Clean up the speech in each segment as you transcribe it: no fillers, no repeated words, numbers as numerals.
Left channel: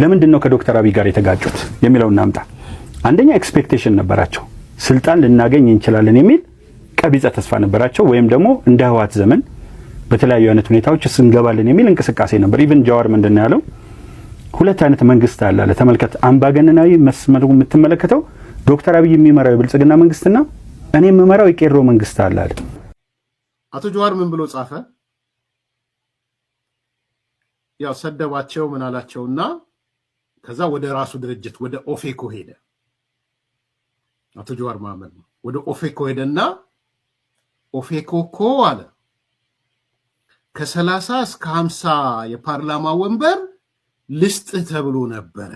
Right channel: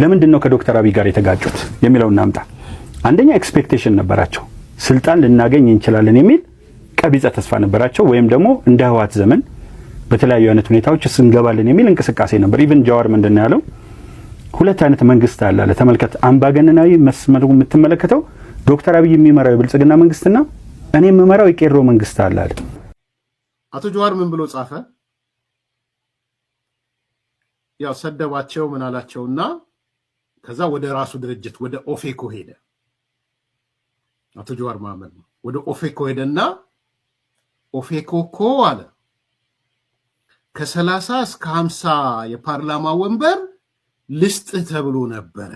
ለምንድነው ከዶክተር አብይ ጋር የተጋጩት የሚለውን እናምጣ። አንደኛ ኤክስፔክቴሽን ነበራቸው፣ ስልጣን ልናገኝ እንችላለን የሚል ቀቢጸ ተስፋ ነበራቸው። ወይም ደግሞ እንደ ህወሓት ዘመን በተለያዩ አይነት ሁኔታዎች እንገባለን የሚል እንቅስቃሴ ነበር። ኢቭን ጃዋር ምንድነው ያለው? ሁለት አይነት መንግስት አለ አለ። ተመልከት፣ አምባገነናዊ መስመሩ የምትመለከተው ዶክተር አብይ የሚመራው የብልጽግና መንግስትና እኔ የምመራው የቄሮ መንግስት አለ አለ። አቶ ጃዋር ምን ብሎ ጻፈ? ያው ሰደባቸው ምን አላቸውና ከዛ ወደ ራሱ ድርጅት ወደ ኦፌኮ ሄደ። አቶ ጃዋር መሐመድ ወደ ኦፌኮ ሄደና ኦፌኮ እኮ አለ ከ30 እስከ 50 የፓርላማ ወንበር ልስጥ ተብሎ ነበረ።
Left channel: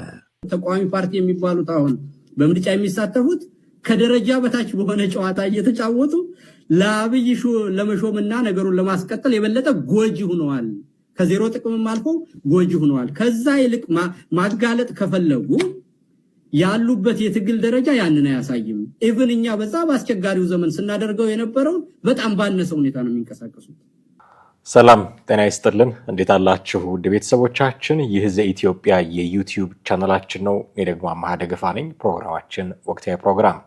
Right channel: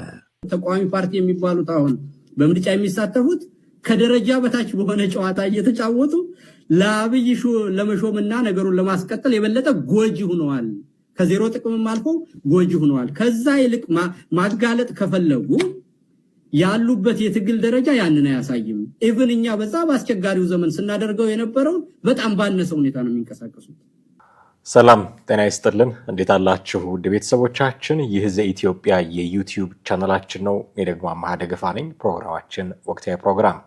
ተቃዋሚ ፓርቲ የሚባሉት አሁን በምርጫ የሚሳተፉት ከደረጃ በታች በሆነ ጨዋታ እየተጫወቱ ለአብይ ለመሾምና ነገሩን ለማስቀጠል የበለጠ ጎጂ ሆነዋል። ከዜሮ ጥቅምም አልፎ ጎጂ ሆነዋል። ከዛ ይልቅ ማጋለጥ ከፈለጉ ያሉበት የትግል ደረጃ ያንን አያሳይም። ኢቭን እኛ በዛ በአስቸጋሪው ዘመን ስናደርገው የነበረው በጣም ባነሰ ሁኔታ ነው የሚንቀሳቀሱት። ሰላም ጤና ይስጥልን፣ እንዴት አላችሁ ውድ ቤተሰቦቻችን? ይህ ዘኢትዮጵያ የዩቲዩብ ቻናላችን ነው። እኔ ደግሞ አማሃ ደገፋ ነኝ። ፕሮግራማችን ወቅታዊ ፕሮግራም።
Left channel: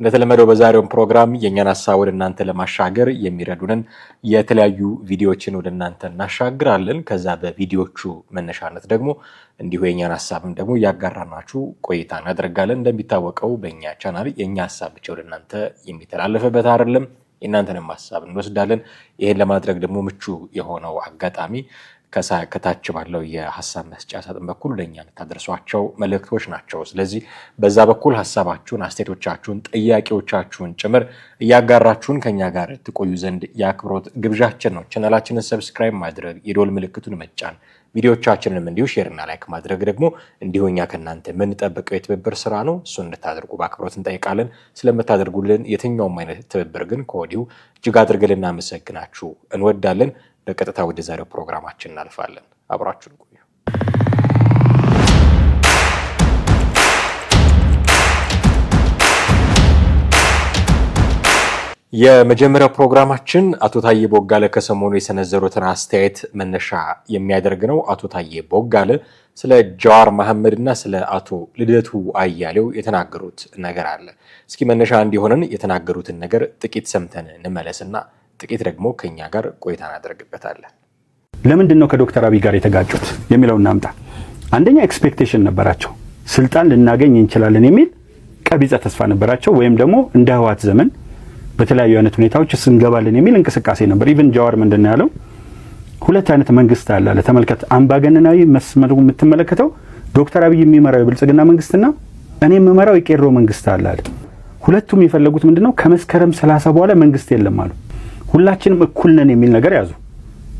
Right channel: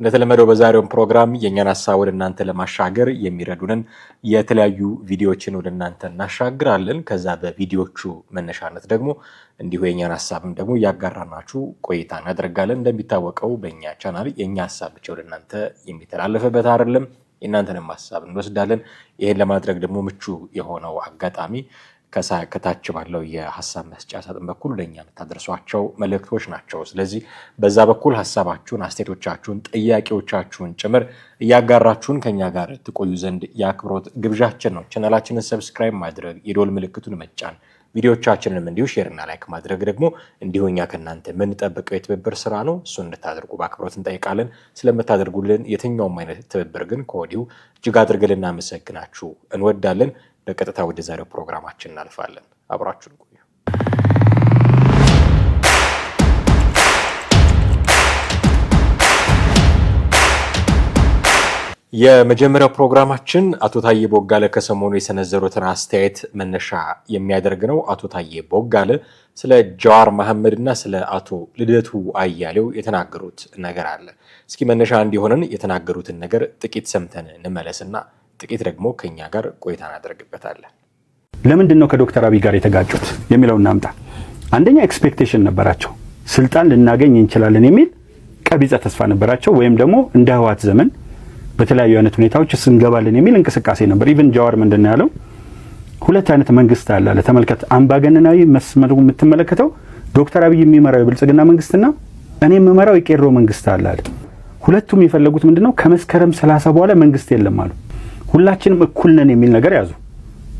እንደተለመደው በዛሬው ፕሮግራም የኛን ሐሳብ ወደ እናንተ ለማሻገር የሚረዱንን የተለያዩ ቪዲዮዎችን ወደ እናንተ እናሻግራለን። ከዛ በቪዲዮቹ መነሻነት ደግሞ እንዲሁ የኛን ሐሳብም ደግሞ ያጋራናችሁ ቆይታ እናደርጋለን። እንደሚታወቀው በእኛ ቻናል የኛ ሐሳብ ብቻ ወደ እናንተ የሚተላለፍበት አይደለም፣ የእናንተንም ሐሳብ እንወስዳለን። ይሄን ለማድረግ ደግሞ ምቹ የሆነው አጋጣሚ ከታች ባለው የሐሳብ መስጫ ሳጥን በኩል ለኛ የምታደርሷቸው መልእክቶች ናቸው። ስለዚህ በዛ በኩል ሐሳባችሁን፣ አስተያየቶቻችሁን፣ ጥያቄዎቻችሁን ጭምር እያጋራችሁን ከኛ ጋር ትቆዩ ዘንድ የአክብሮት ግብዣችን ነው። ቻናላችንን ሰብስክራይብ ማድረግ፣ የደወል ምልክቱን መጫን፣ ቪዲዮቻችንንም እንዲሁ ሼርና ላይክ ማድረግ ደግሞ እንዲሁ እኛ ከእናንተ የምንጠብቀው የትብብር ስራ ነው። እሱን እንድታደርጉ በአክብሮት እንጠይቃለን። ስለምታደርጉልን የትኛውም አይነት ትብብር ግን ከወዲሁ እጅግ አድርገን ልናመሰግናችሁ እንወዳለን። በቀጥታ ወደ ዛሬው ፕሮግራማችን እናልፋለን። አብራችሁን ቆዩ። የመጀመሪያው ፕሮግራማችን አቶ ታዬ ቦጋለ ከሰሞኑ የሰነዘሩትን አስተያየት መነሻ የሚያደርግ ነው። አቶ ታዬ ቦጋለ ስለ ጃዋር መሐመድና ስለ አቶ ልደቱ አያሌው የተናገሩት ነገር አለ። እስኪ መነሻ እንዲሆነን የተናገሩትን ነገር ጥቂት ሰምተን እንመለስና ጥቂት ደግሞ ከኛ ጋር ቆይታ እናደርግበታለን። ለምንድነው ከዶክተር አብይ ጋር የተጋጩት የሚለውን እናምጣ። አንደኛ ኤክስፔክቴሽን ነበራቸው፣ ስልጣን ልናገኝ እንችላለን የሚል ቀቢጸ ተስፋ ነበራቸው። ወይም ደግሞ እንደ ህወሓት ዘመን በተለያዩ አይነት ሁኔታዎች እንገባለን የሚል እንቅስቃሴ ነበር። ኢቭን ጃዋር ምንድነው ያለው? ሁለት አይነት መንግስት አለ አለ። ተመልከት፣ አምባገነናዊ መስመሩ የምትመለከተው ዶክተር አብይ የሚመራው የብልጽግና መንግስትና እኔ የምመራው የቄሮ መንግስት አለ አለ። ሁለቱም የፈለጉት ምንድነው? ከመስከረም 30 በኋላ መንግስት የለም አሉ። ሁላችንም እኩል ነን የሚል ነገር ያዙ።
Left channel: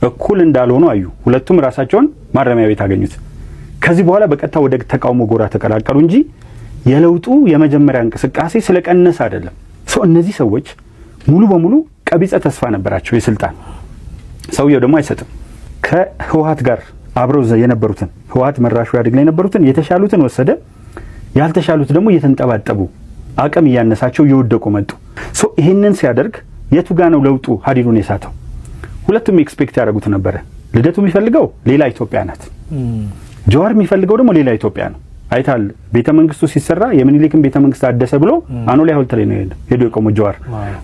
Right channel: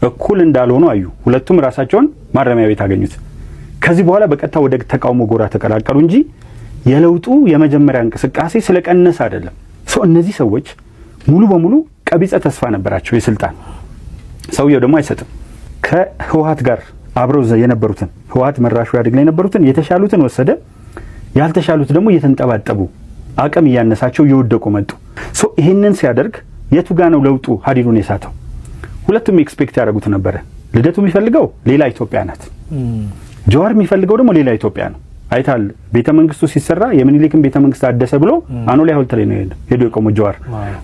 እኩል እንዳልሆኑ አዩ። ሁለቱም ራሳቸውን ማረሚያ ቤት አገኙት። ከዚህ በኋላ በቀጥታ ወደ ተቃውሞ ጎራ ተቀላቀሉ እንጂ የለውጡ የመጀመሪያ እንቅስቃሴ ስለቀነሰ አይደለም። እነዚህ ሰዎች ሙሉ በሙሉ ቀቢጸ ተስፋ ነበራቸው የስልጣን። ሰውየው ደግሞ አይሰጥም። ከህወሓት ጋር አብረው የነበሩትን ህወሓት መራሹ ያድግ ላይ የነበሩትን የተሻሉትን ወሰደ፣ ያልተሻሉት ደግሞ እየተንጠባጠቡ አቅም እያነሳቸው እየወደቁ መጡ። ይሄንን ሲያደርግ የቱ ጋር ነው ለውጡ ሀዲዱን የሳተው? ሁለቱም ኤክስፔክት ያደርጉት ነበረ። ልደቱ የሚፈልገው ሌላ ኢትዮጵያ ናት፣ ጃዋር የሚፈልገው ደግሞ ሌላ ኢትዮጵያ ነው። አይታል ቤተ መንግስቱ ሲሰራ የምኒልክን ቤተ መንግስት አደሰ ብሎ አኖሌ ሐውልት ላይ ነው ሄዶ የቆመው ጃዋር።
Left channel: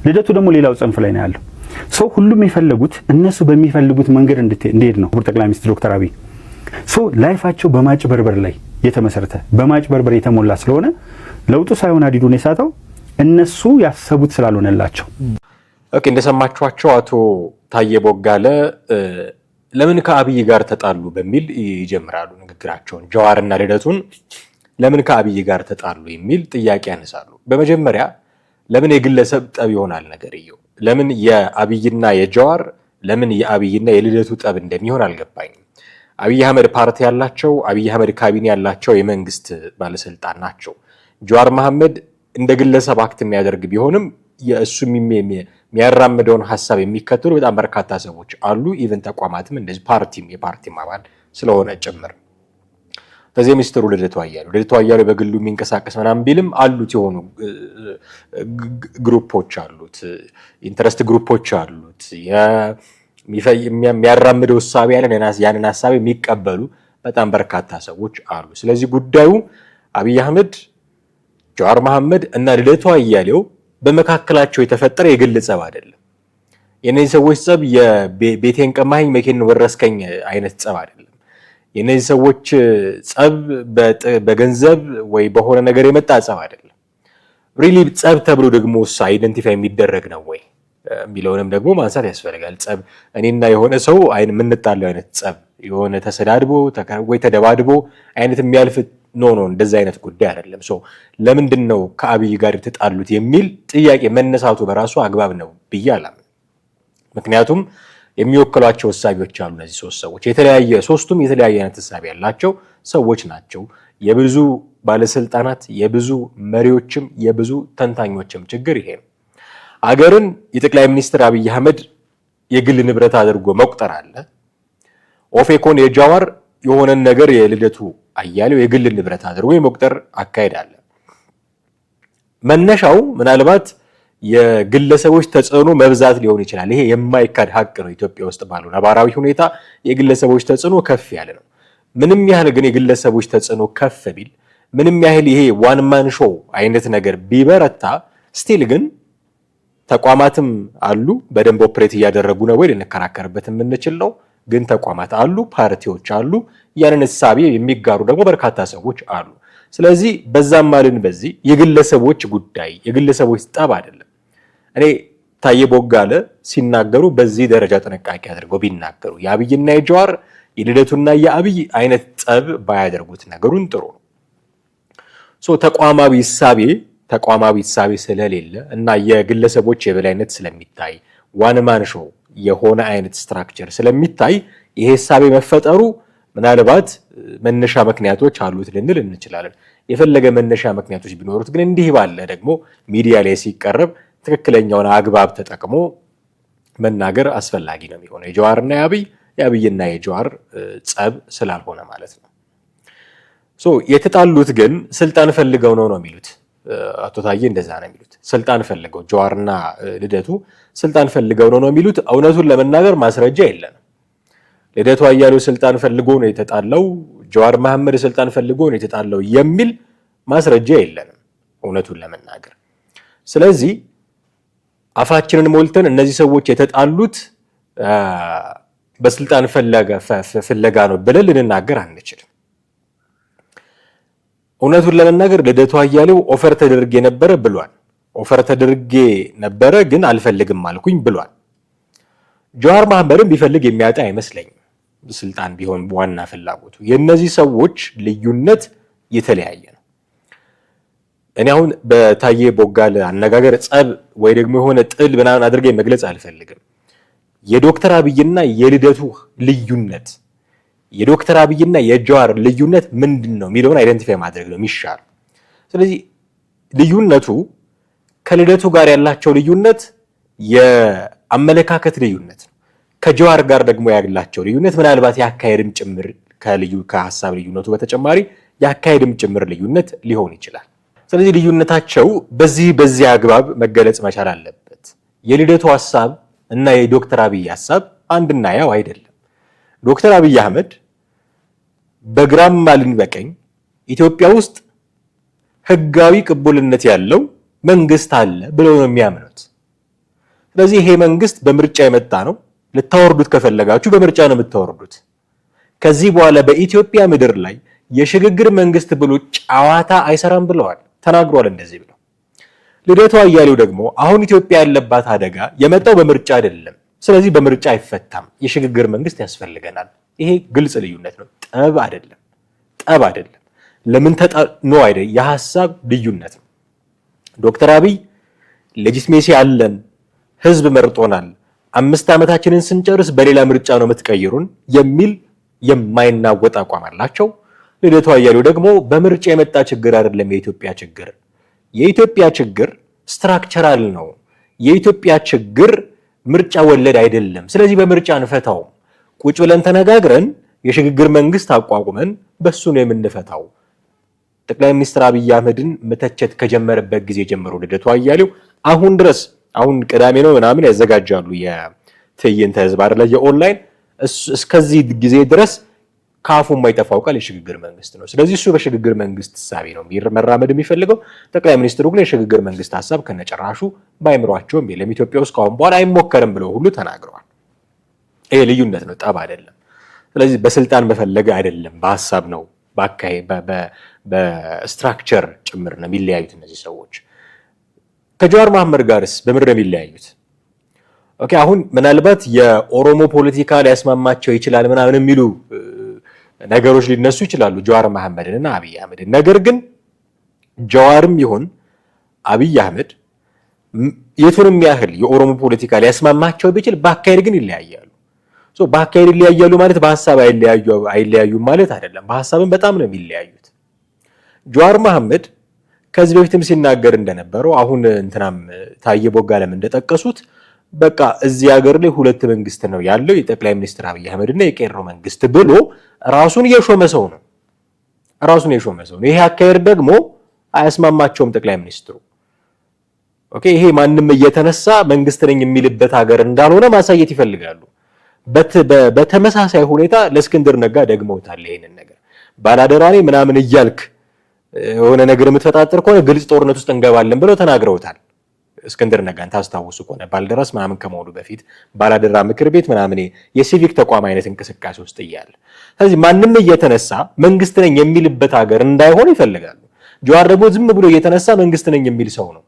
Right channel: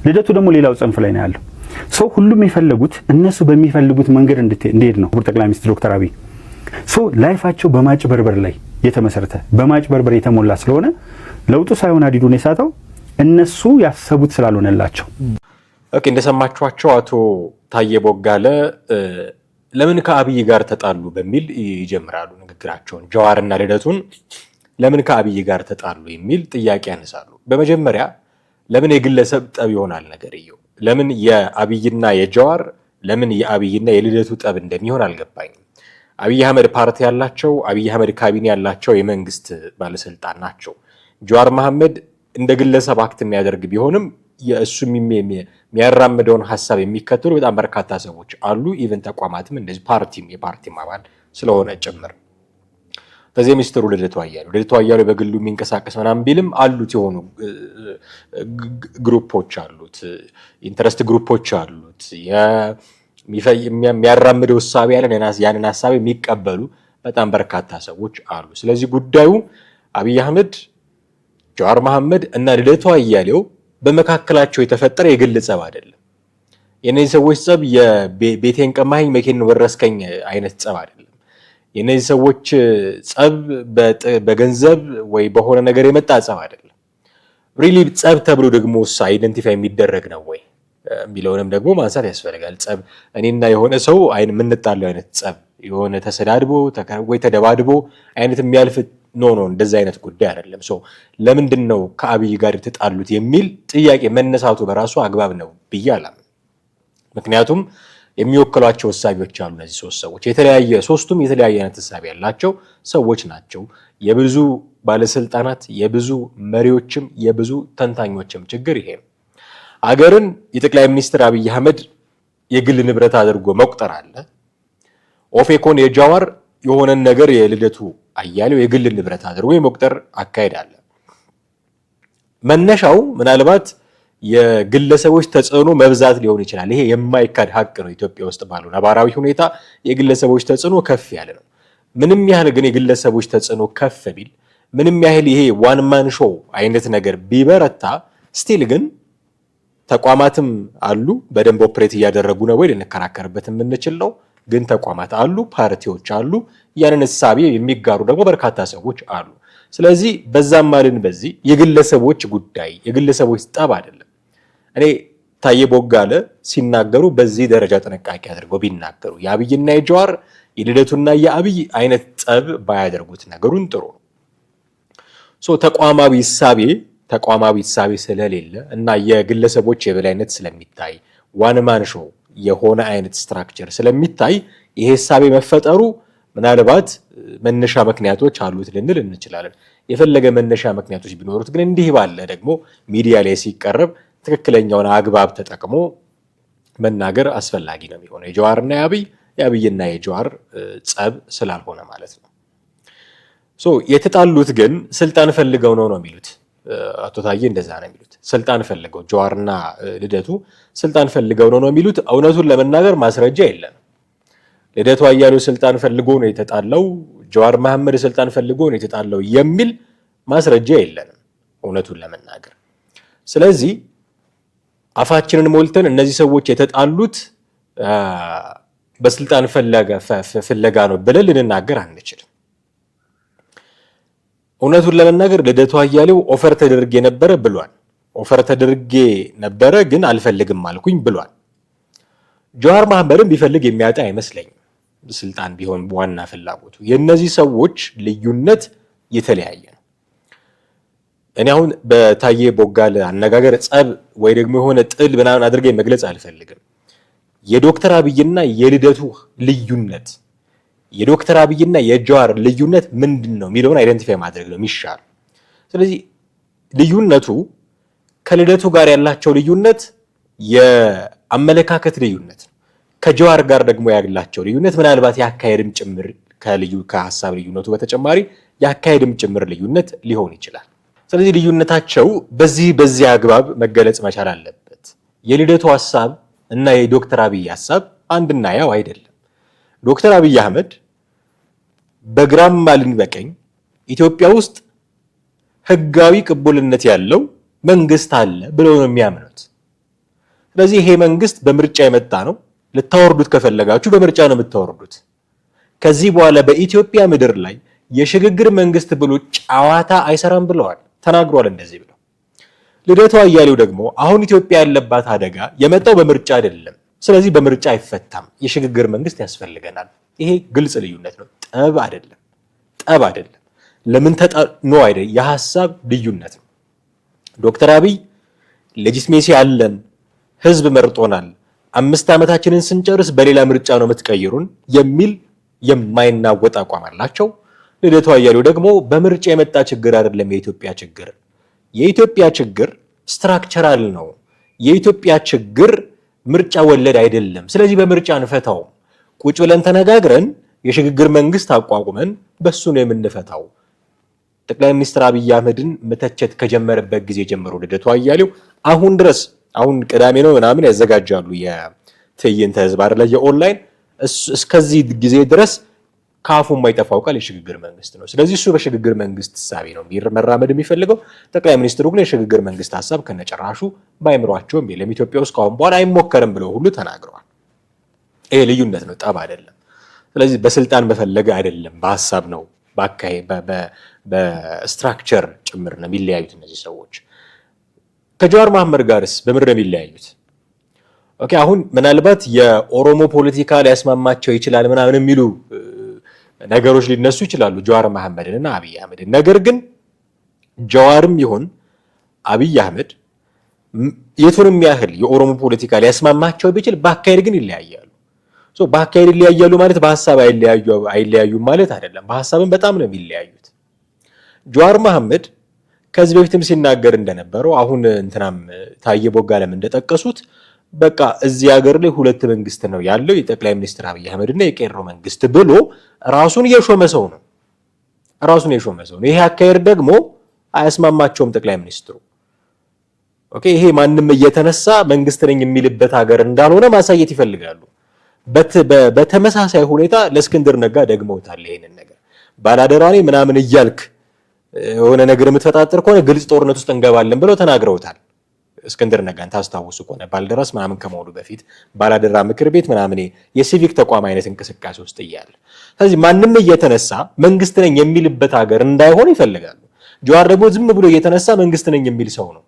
ልደቱ ደግሞ ሌላው ጽንፍ ላይ ነው ያለው። ሁሉም የፈለጉት እነሱ በሚፈልጉት መንገድ እንዲሄድ ነው ጠቅላይ ሚኒስትር ዶክተር አብይ። ላይፋቸው በማጭበርበር ላይ የተመሰረተ በማጭበርበር የተሞላ ስለሆነ ለውጡ ሳይሆን ሀዲዱን የሳተው እነሱ ያሰቡት ስላልሆነላቸው። ኦኬ፣ እንደሰማችኋቸው አቶ ታዬ ቦጋለ ለምን ከአብይ ጋር ተጣሉ በሚል ይጀምራሉ ንግግራቸውን። ጃዋርና ልደቱን ለምን ከአብይ ጋር ተጣሉ የሚል ጥያቄ ያነሳሉ። በመጀመሪያ ለምን የግለሰብ ጠብ ይሆናል ነገርየው? ለምን የአብይና የጃዋር ለምን የአብይና የልደቱ ጠብ እንደሚሆን አልገባኝም። አብይ አህመድ ፓርቲ ያላቸው፣ አብይ አህመድ ካቢኔ ያላቸው የመንግስት ባለስልጣን ናቸው። ጃዋር መሐመድ እንደ ግለሰብ አክት የሚያደርግ ቢሆንም የእሱ የሚያራምደውን ሐሳብ የሚከተሉ በጣም በርካታ ሰዎች አሉ። ኢቨን ተቋማትም እንደዚህ የፓርቲም አባል ስለሆነ ጭምር። በዚህ ሚኒስትሩ ልደቱ አያሌው በግሉ የሚንቀሳቀስ ምናምን ቢልም አሉት የሆኑ ግሩፖች አሉት፣ ኢንተረስት ግሩፖች አሉት። የሚያራምደው ሐሳብ ያንን ሐሳብ የሚቀበሉ በጣም በርካታ ሰዎች አሉ። ስለዚህ ጉዳዩ አብይ አህመድ፣ ጀዋር መሐመድ እና ልደቱ አያሌው በመካከላቸው የተፈጠረ የግል ጸብ አይደለም። የነዚህ ሰዎች ጸብ የቤቴን ቀማኸኝ መኪናን ወረስከኝ አይነት ጸብ አይደለም። የነዚህ ሰዎች ጸብ በገንዘብ ወይ በሆነ ነገር የመጣ ጸብ አይደለም። ሪሊ ጸብ ተብሎ ደግሞ አይደንቲፋይ የሚደረግ ነው ወይ የሚለውንም ደግሞ ማንሳት ያስፈልጋል። ጸብ እኔና የሆነ ሰው የምንጣለው አይነት ጸብ የሆነ ተሰዳድቦ ወይ ተደባድቦ አይነት የሚያልፍ ኖ እንደዛ አይነት ጉዳይ አይደለም። ለምንድን ነው ከአብይ ጋር የተጣሉት የሚል ጥያቄ መነሳቱ በራሱ አግባብ ነው ብዬ አላምንም። ምክንያቱም የሚወክሏቸው እሳቤዎች አሉ። እነዚህ ሶስት ሰዎች ሶስቱም የተለያየ አይነት እሳቤ ያላቸው ሰዎች ናቸው። የብዙ ባለስልጣናት የብዙ መሪዎችም የብዙ ተንታኞችም ችግር ይሄ ነው። አገርን የጠቅላይ ሚኒስትር አብይ አህመድ የግል ንብረት አድርጎ መቁጠር አለ። ኦፌኮን የጃዋር የሆነን ነገር የልደቱ አያሌው የግል ንብረት አድርጎ የመቁጠር አካሄድ አለ። መነሻው ምናልባት የግለሰቦች ተጽዕኖ መብዛት ሊሆን ይችላል። ይሄ የማይካድ ሀቅ ነው። ኢትዮጵያ ውስጥ ባለው ነባራዊ ሁኔታ የግለሰቦች ተጽዕኖ ከፍ ያለ ነው። ምንም ያህል ግን የግለሰቦች ተጽዕኖ ከፍ ቢል፣ ምንም ያህል ይሄ ዋን ማን ሾው አይነት ነገር ቢበረታ፣ ስቲል ግን ተቋማትም አሉ በደንብ ኦፕሬት እያደረጉ ነው ወይ ልንከራከርበት የምንችል ነው። ግን ተቋማት አሉ፣ ፓርቲዎች አሉ፣ ያንን እሳቤ የሚጋሩ ደግሞ በርካታ ሰዎች አሉ። ስለዚህ በዛም ማልን በዚህ የግለሰቦች ጉዳይ የግለሰቦች ጠብ አይደለም። እኔ ታዬ ቦጋለ ሲናገሩ በዚህ ደረጃ ጥንቃቄ አድርገው ቢናገሩ የአብይና የጀዋር የልደቱና የአብይ አይነት ጠብ ባያደርጉት ነገሩን ጥሩ ነው። ተቋማዊ እሳቤ ስለሌለ እና የግለሰቦች የበላይነት ስለሚታይ ዋን ማን ሾው የሆነ አይነት ስትራክቸር ስለሚታይ ይሄ እሳቤ መፈጠሩ ምናልባት መነሻ ምክንያቶች አሉት ልንል እንችላለን። የፈለገ መነሻ ምክንያቶች ቢኖሩት ግን እንዲህ ባለ ደግሞ ሚዲያ ላይ ሲቀርብ ትክክለኛውን አግባብ ተጠቅሞ መናገር አስፈላጊ ነው የሚሆነው የጀዋርና የአብይና የጀዋር ጸብ ስላልሆነ ማለት ነው። የተጣሉት ግን ስልጣን ፈልገው ነው የሚሉት አቶ ታዬ እንደዛ ነው የሚሉት። ስልጣን ፈልገው ጀዋርና ልደቱ ስልጣን ፈልገው ነው የሚሉት። እውነቱን ለመናገር ማስረጃ የለም። ልደቱ አያሌው ስልጣን ፈልጎ ነው የተጣለው፣ ጀዋር መሐመድ ስልጣን ፈልጎ ነው የተጣለው የሚል ማስረጃ የለንም እውነቱን ለመናገር። ስለዚህ አፋችንን ሞልተን እነዚህ ሰዎች የተጣሉት በስልጣን ፍለጋ ነው ብለን ልንናገር አንችልም። እውነቱን ለመናገር ልደቱ አያሌው ኦፈር ተደርጌ ነበረ ብሏል። ኦፈር ተደርጌ ነበረ ግን አልፈልግም አልኩኝ ብሏል። ጀዋር መሐመድም ቢፈልግ የሚያጣ አይመስለኝም ስልጣን ቢሆን ዋና ፍላጎቱ። የእነዚህ ሰዎች ልዩነት የተለያየ ነው። እኔ አሁን በታዬ ቦጋለ አነጋገር ጸብ ወይ ደግሞ የሆነ ጥል ምናምን አድርጌ መግለጽ አልፈልግም። የዶክተር አብይና የልደቱ ልዩነት የዶክተር አብይና የጀዋር ልዩነት ምንድን ነው የሚለውን አይደንቲፋይ ማድረግ ነው የሚሻል። ስለዚህ ልዩነቱ ከልደቱ ጋር ያላቸው ልዩነት የአመለካከት ልዩነት፣ ከጀዋር ጋር ደግሞ ያላቸው ልዩነት ምናልባት የአካሄድም ጭምር ከሀሳብ ልዩነቱ በተጨማሪ የአካሄድም ጭምር ልዩነት ሊሆን ይችላል። ስለዚህ ልዩነታቸው በዚህ አግባብ መገለጽ መቻል አለበት። የልደቱ ሀሳብ እና የዶክተር አብይ ሀሳብ አንድና ያው አይደለም። ዶክተር አብይ አህመድ በግራም ማልን በቀኝ ኢትዮጵያ ውስጥ ህጋዊ ቅቡልነት ያለው መንግስት አለ ብለው ነው የሚያምኑት። ስለዚህ ይሄ መንግስት በምርጫ የመጣ ነው። ልታወርዱት ከፈለጋችሁ በምርጫ ነው የምታወርዱት። ከዚህ በኋላ በኢትዮጵያ ምድር ላይ የሽግግር መንግስት ብሎ ጨዋታ አይሰራም ብለዋል፣ ተናግሯል። እንደዚህ ብለው ልደቱ አያሌው ደግሞ አሁን ኢትዮጵያ ያለባት አደጋ የመጣው በምርጫ አይደለም፣ ስለዚህ በምርጫ አይፈታም፣ የሽግግር መንግስት ያስፈልገናል። ይሄ ግልጽ ልዩነት ነው፣ ጠብ አይደለም። ለምን ነው አይደል? የሐሳብ ልዩነት ነው። ዶክተር አብይ ሌጂትሜሲ አለን፣ ህዝብ መርጦናል፣ 5 ዓመታችንን ስንጨርስ በሌላ ምርጫ ነው የምትቀይሩን የሚል የማይናወጥ አቋም አላቸው። ልደቱ አያሌው ደግሞ በምርጫ የመጣ ችግር አይደለም የኢትዮጵያ ችግር ስትራክቸራል ነው። የኢትዮጵያ ችግር ምርጫ ወለድ አይደለም። ስለዚህ በምርጫ እንፈታው፣ ቁጭ ብለን ተነጋግረን የሽግግር መንግስት አቋቁመን በሱ ነው የምንፈታው። ጠቅላይ ሚኒስትር አብይ አህመድን መተቸት ከጀመረበት ጊዜ ጀምሮ ልደቱ አያሌው አሁን ድረስ አሁን ቅዳሜ ነው ምናምን ያዘጋጃሉ የትዕይንተ ህዝብ አይደለ የኦንላይን እስከዚህ ጊዜ ድረስ ካፉ የማይጠፋው ቃል የሽግግር መንግስት ነው። ስለዚህ እሱ በሽግግር መንግስት ሐሳብ ነው መራመድ የሚፈልገው። ጠቅላይ ሚኒስትሩ ግን የሽግግር መንግስት ሐሳብ ከነጨራሹ ባይምሯቸውም የለም ኢትዮጵያ ውስጥ ካሁን በኋላ አይሞከርም ብለው ሁሉ ተናግረዋል። ይሄ ልዩነት ነው፣ ጠብ አይደለም። ስለዚህ በስልጣን በፈለገ አይደለም፣ በሐሳብ ነው፣ በስትራክቸር ጭምር ነው የሚለያዩት እነዚህ ሰዎች። ከጀዋር መሐመድ ጋርስ በምንድን ነው የሚለያዩት? ኦኬ አሁን ምናልባት የኦሮሞ ፖለቲካ ሊያስማማቸው ይችላል ምናምን የሚሉ ነገሮች ሊነሱ ይችላሉ ጀዋር መሐመድን እና አብይ አህመድን። ነገር ግን ጀዋርም ይሁን አብይ አህመድ የቱንም ያህል የኦሮሞ ፖለቲካ ሊያስማማቸው ቢችል በአካሄድ ግን ይለያያሉ። በአካሄድ ይለያያሉ ማለት በሀሳብ አይለያዩም ማለት አይደለም። በሀሳብም በጣም ነው የሚለያዩት። ጀዋር መሐመድ ከዚህ በፊትም ሲናገር እንደነበረው አሁን እንትናም ታየ ቦጋለም እንደጠቀሱት በቃ እዚህ ሀገር ላይ ሁለት መንግስት ነው ያለው፣ የጠቅላይ ሚኒስትር አብይ አህመድና የቄሮ መንግስት ብሎ ራሱን የሾመ ሰው ነው። ይሄ አካሄድ ደግሞ አያስማማቸውም ጠቅላይ ሚኒስትሩ። ኦኬ ይሄ ማንም እየተነሳ መንግስት ነኝ የሚልበት ሀገር እንዳልሆነ ማሳየት ይፈልጋሉ። በተመሳሳይ ሁኔታ ለእስክንድር ነጋ ደግመውታል። ይሄንን ነገር ባላደራ ነኝ ምናምን እያልክ የሆነ ነገር የምትፈጣጥር ከሆነ ግልጽ ጦርነት ውስጥ እንገባለን ብለው ተናግረውታል። እስክንድር ነጋን ታስታውሱ ከሆነ ባልደራስ ምናምን ከመሆኑ በፊት ባላደራ ምክር ቤት ምናምን የሲቪክ ተቋም አይነት እንቅስቃሴ ውስጥ እያለ ስለዚህ ማንም እየተነሳ መንግስት ነኝ የሚልበት ሀገር እንዳይሆን ይፈልጋሉ። ጀዋር ደግሞ ዝም ብሎ እየተነሳ መንግስት ነኝ የሚል ሰው ነው።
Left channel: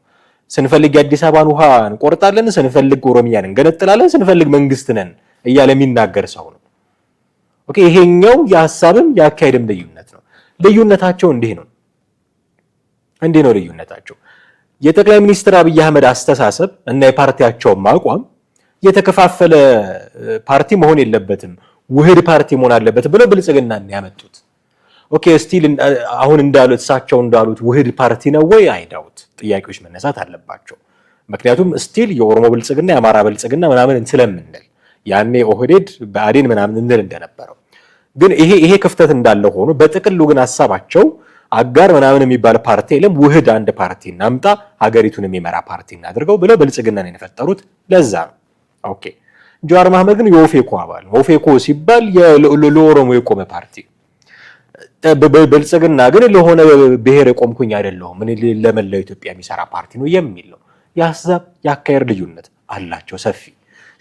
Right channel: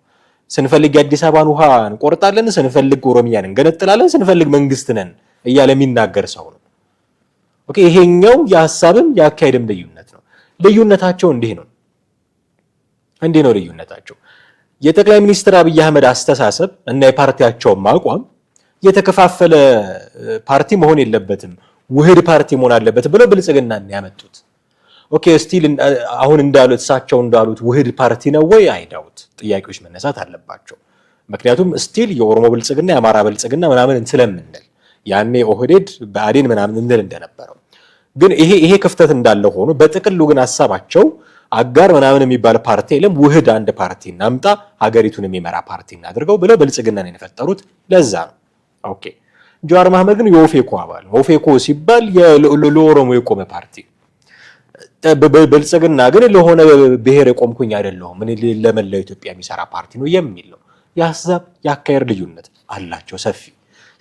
ስንፈልግ የአዲስ አበባን ውሃ እንቆርጣለን፣ ስንፈልግ ኦሮሚያን እንገነጥላለን፣ ስንፈልግ መንግስት ነን እያለ የሚናገር ሰው ነው። ኦኬ ይሄኛው የሐሳብም የአካሄድም ልዩነት ነው። ልዩነታቸው እንዲህ ነው ልዩነታቸው። የጠቅላይ ሚኒስትር አብይ አህመድ አስተሳሰብ እና የፓርቲያቸውም አቋም የተከፋፈለ ፓርቲ መሆን የለበትም፣ ውህድ ፓርቲ መሆን አለበት ብለው ብልጽግናን ያመጡት። ኦኬ ስቲል አሁን እንዳሉት እሳቸው እንዳሉት ውህድ ፓርቲ ነው ወይ? አይዳውት ጥያቄዎች መነሳት አለባቸው። ምክንያቱም ስቲል የኦሮሞ ብልጽግና የአማራ ብልጽግና ምናምን ስለምንል ያኔ ኦህዴድ ብአዴን ምናምን እንል እንደነበረው ግን ይሄ ክፍተት እንዳለ ሆኖ በጥቅሉ ግን ሐሳባቸው አጋር ምናምን የሚባል ፓርቲ የለም፣ ውህድ አንድ ፓርቲ እናምጣ፣ ሀገሪቱን የሚመራ ፓርቲ እናድርገው ብለው ብልጽግናን የፈጠሩት ለዛ ነው። ኦኬ ጀዋር መሐመድ ግን የኦፌኮ አባል ነው። ኦፌኮ ሲባል ለኦሮሞ የቆመ ፓርቲ፣ ብልጽግና ግን ለሆነ ብሔር የቆምኩኝ አይደለሁም ምን ለመላው ኢትዮጵያ የሚሰራ ፓርቲ ነው የሚል ነው። የሐሳብ የአካሄድ ልዩነት አላቸው ሰፊ።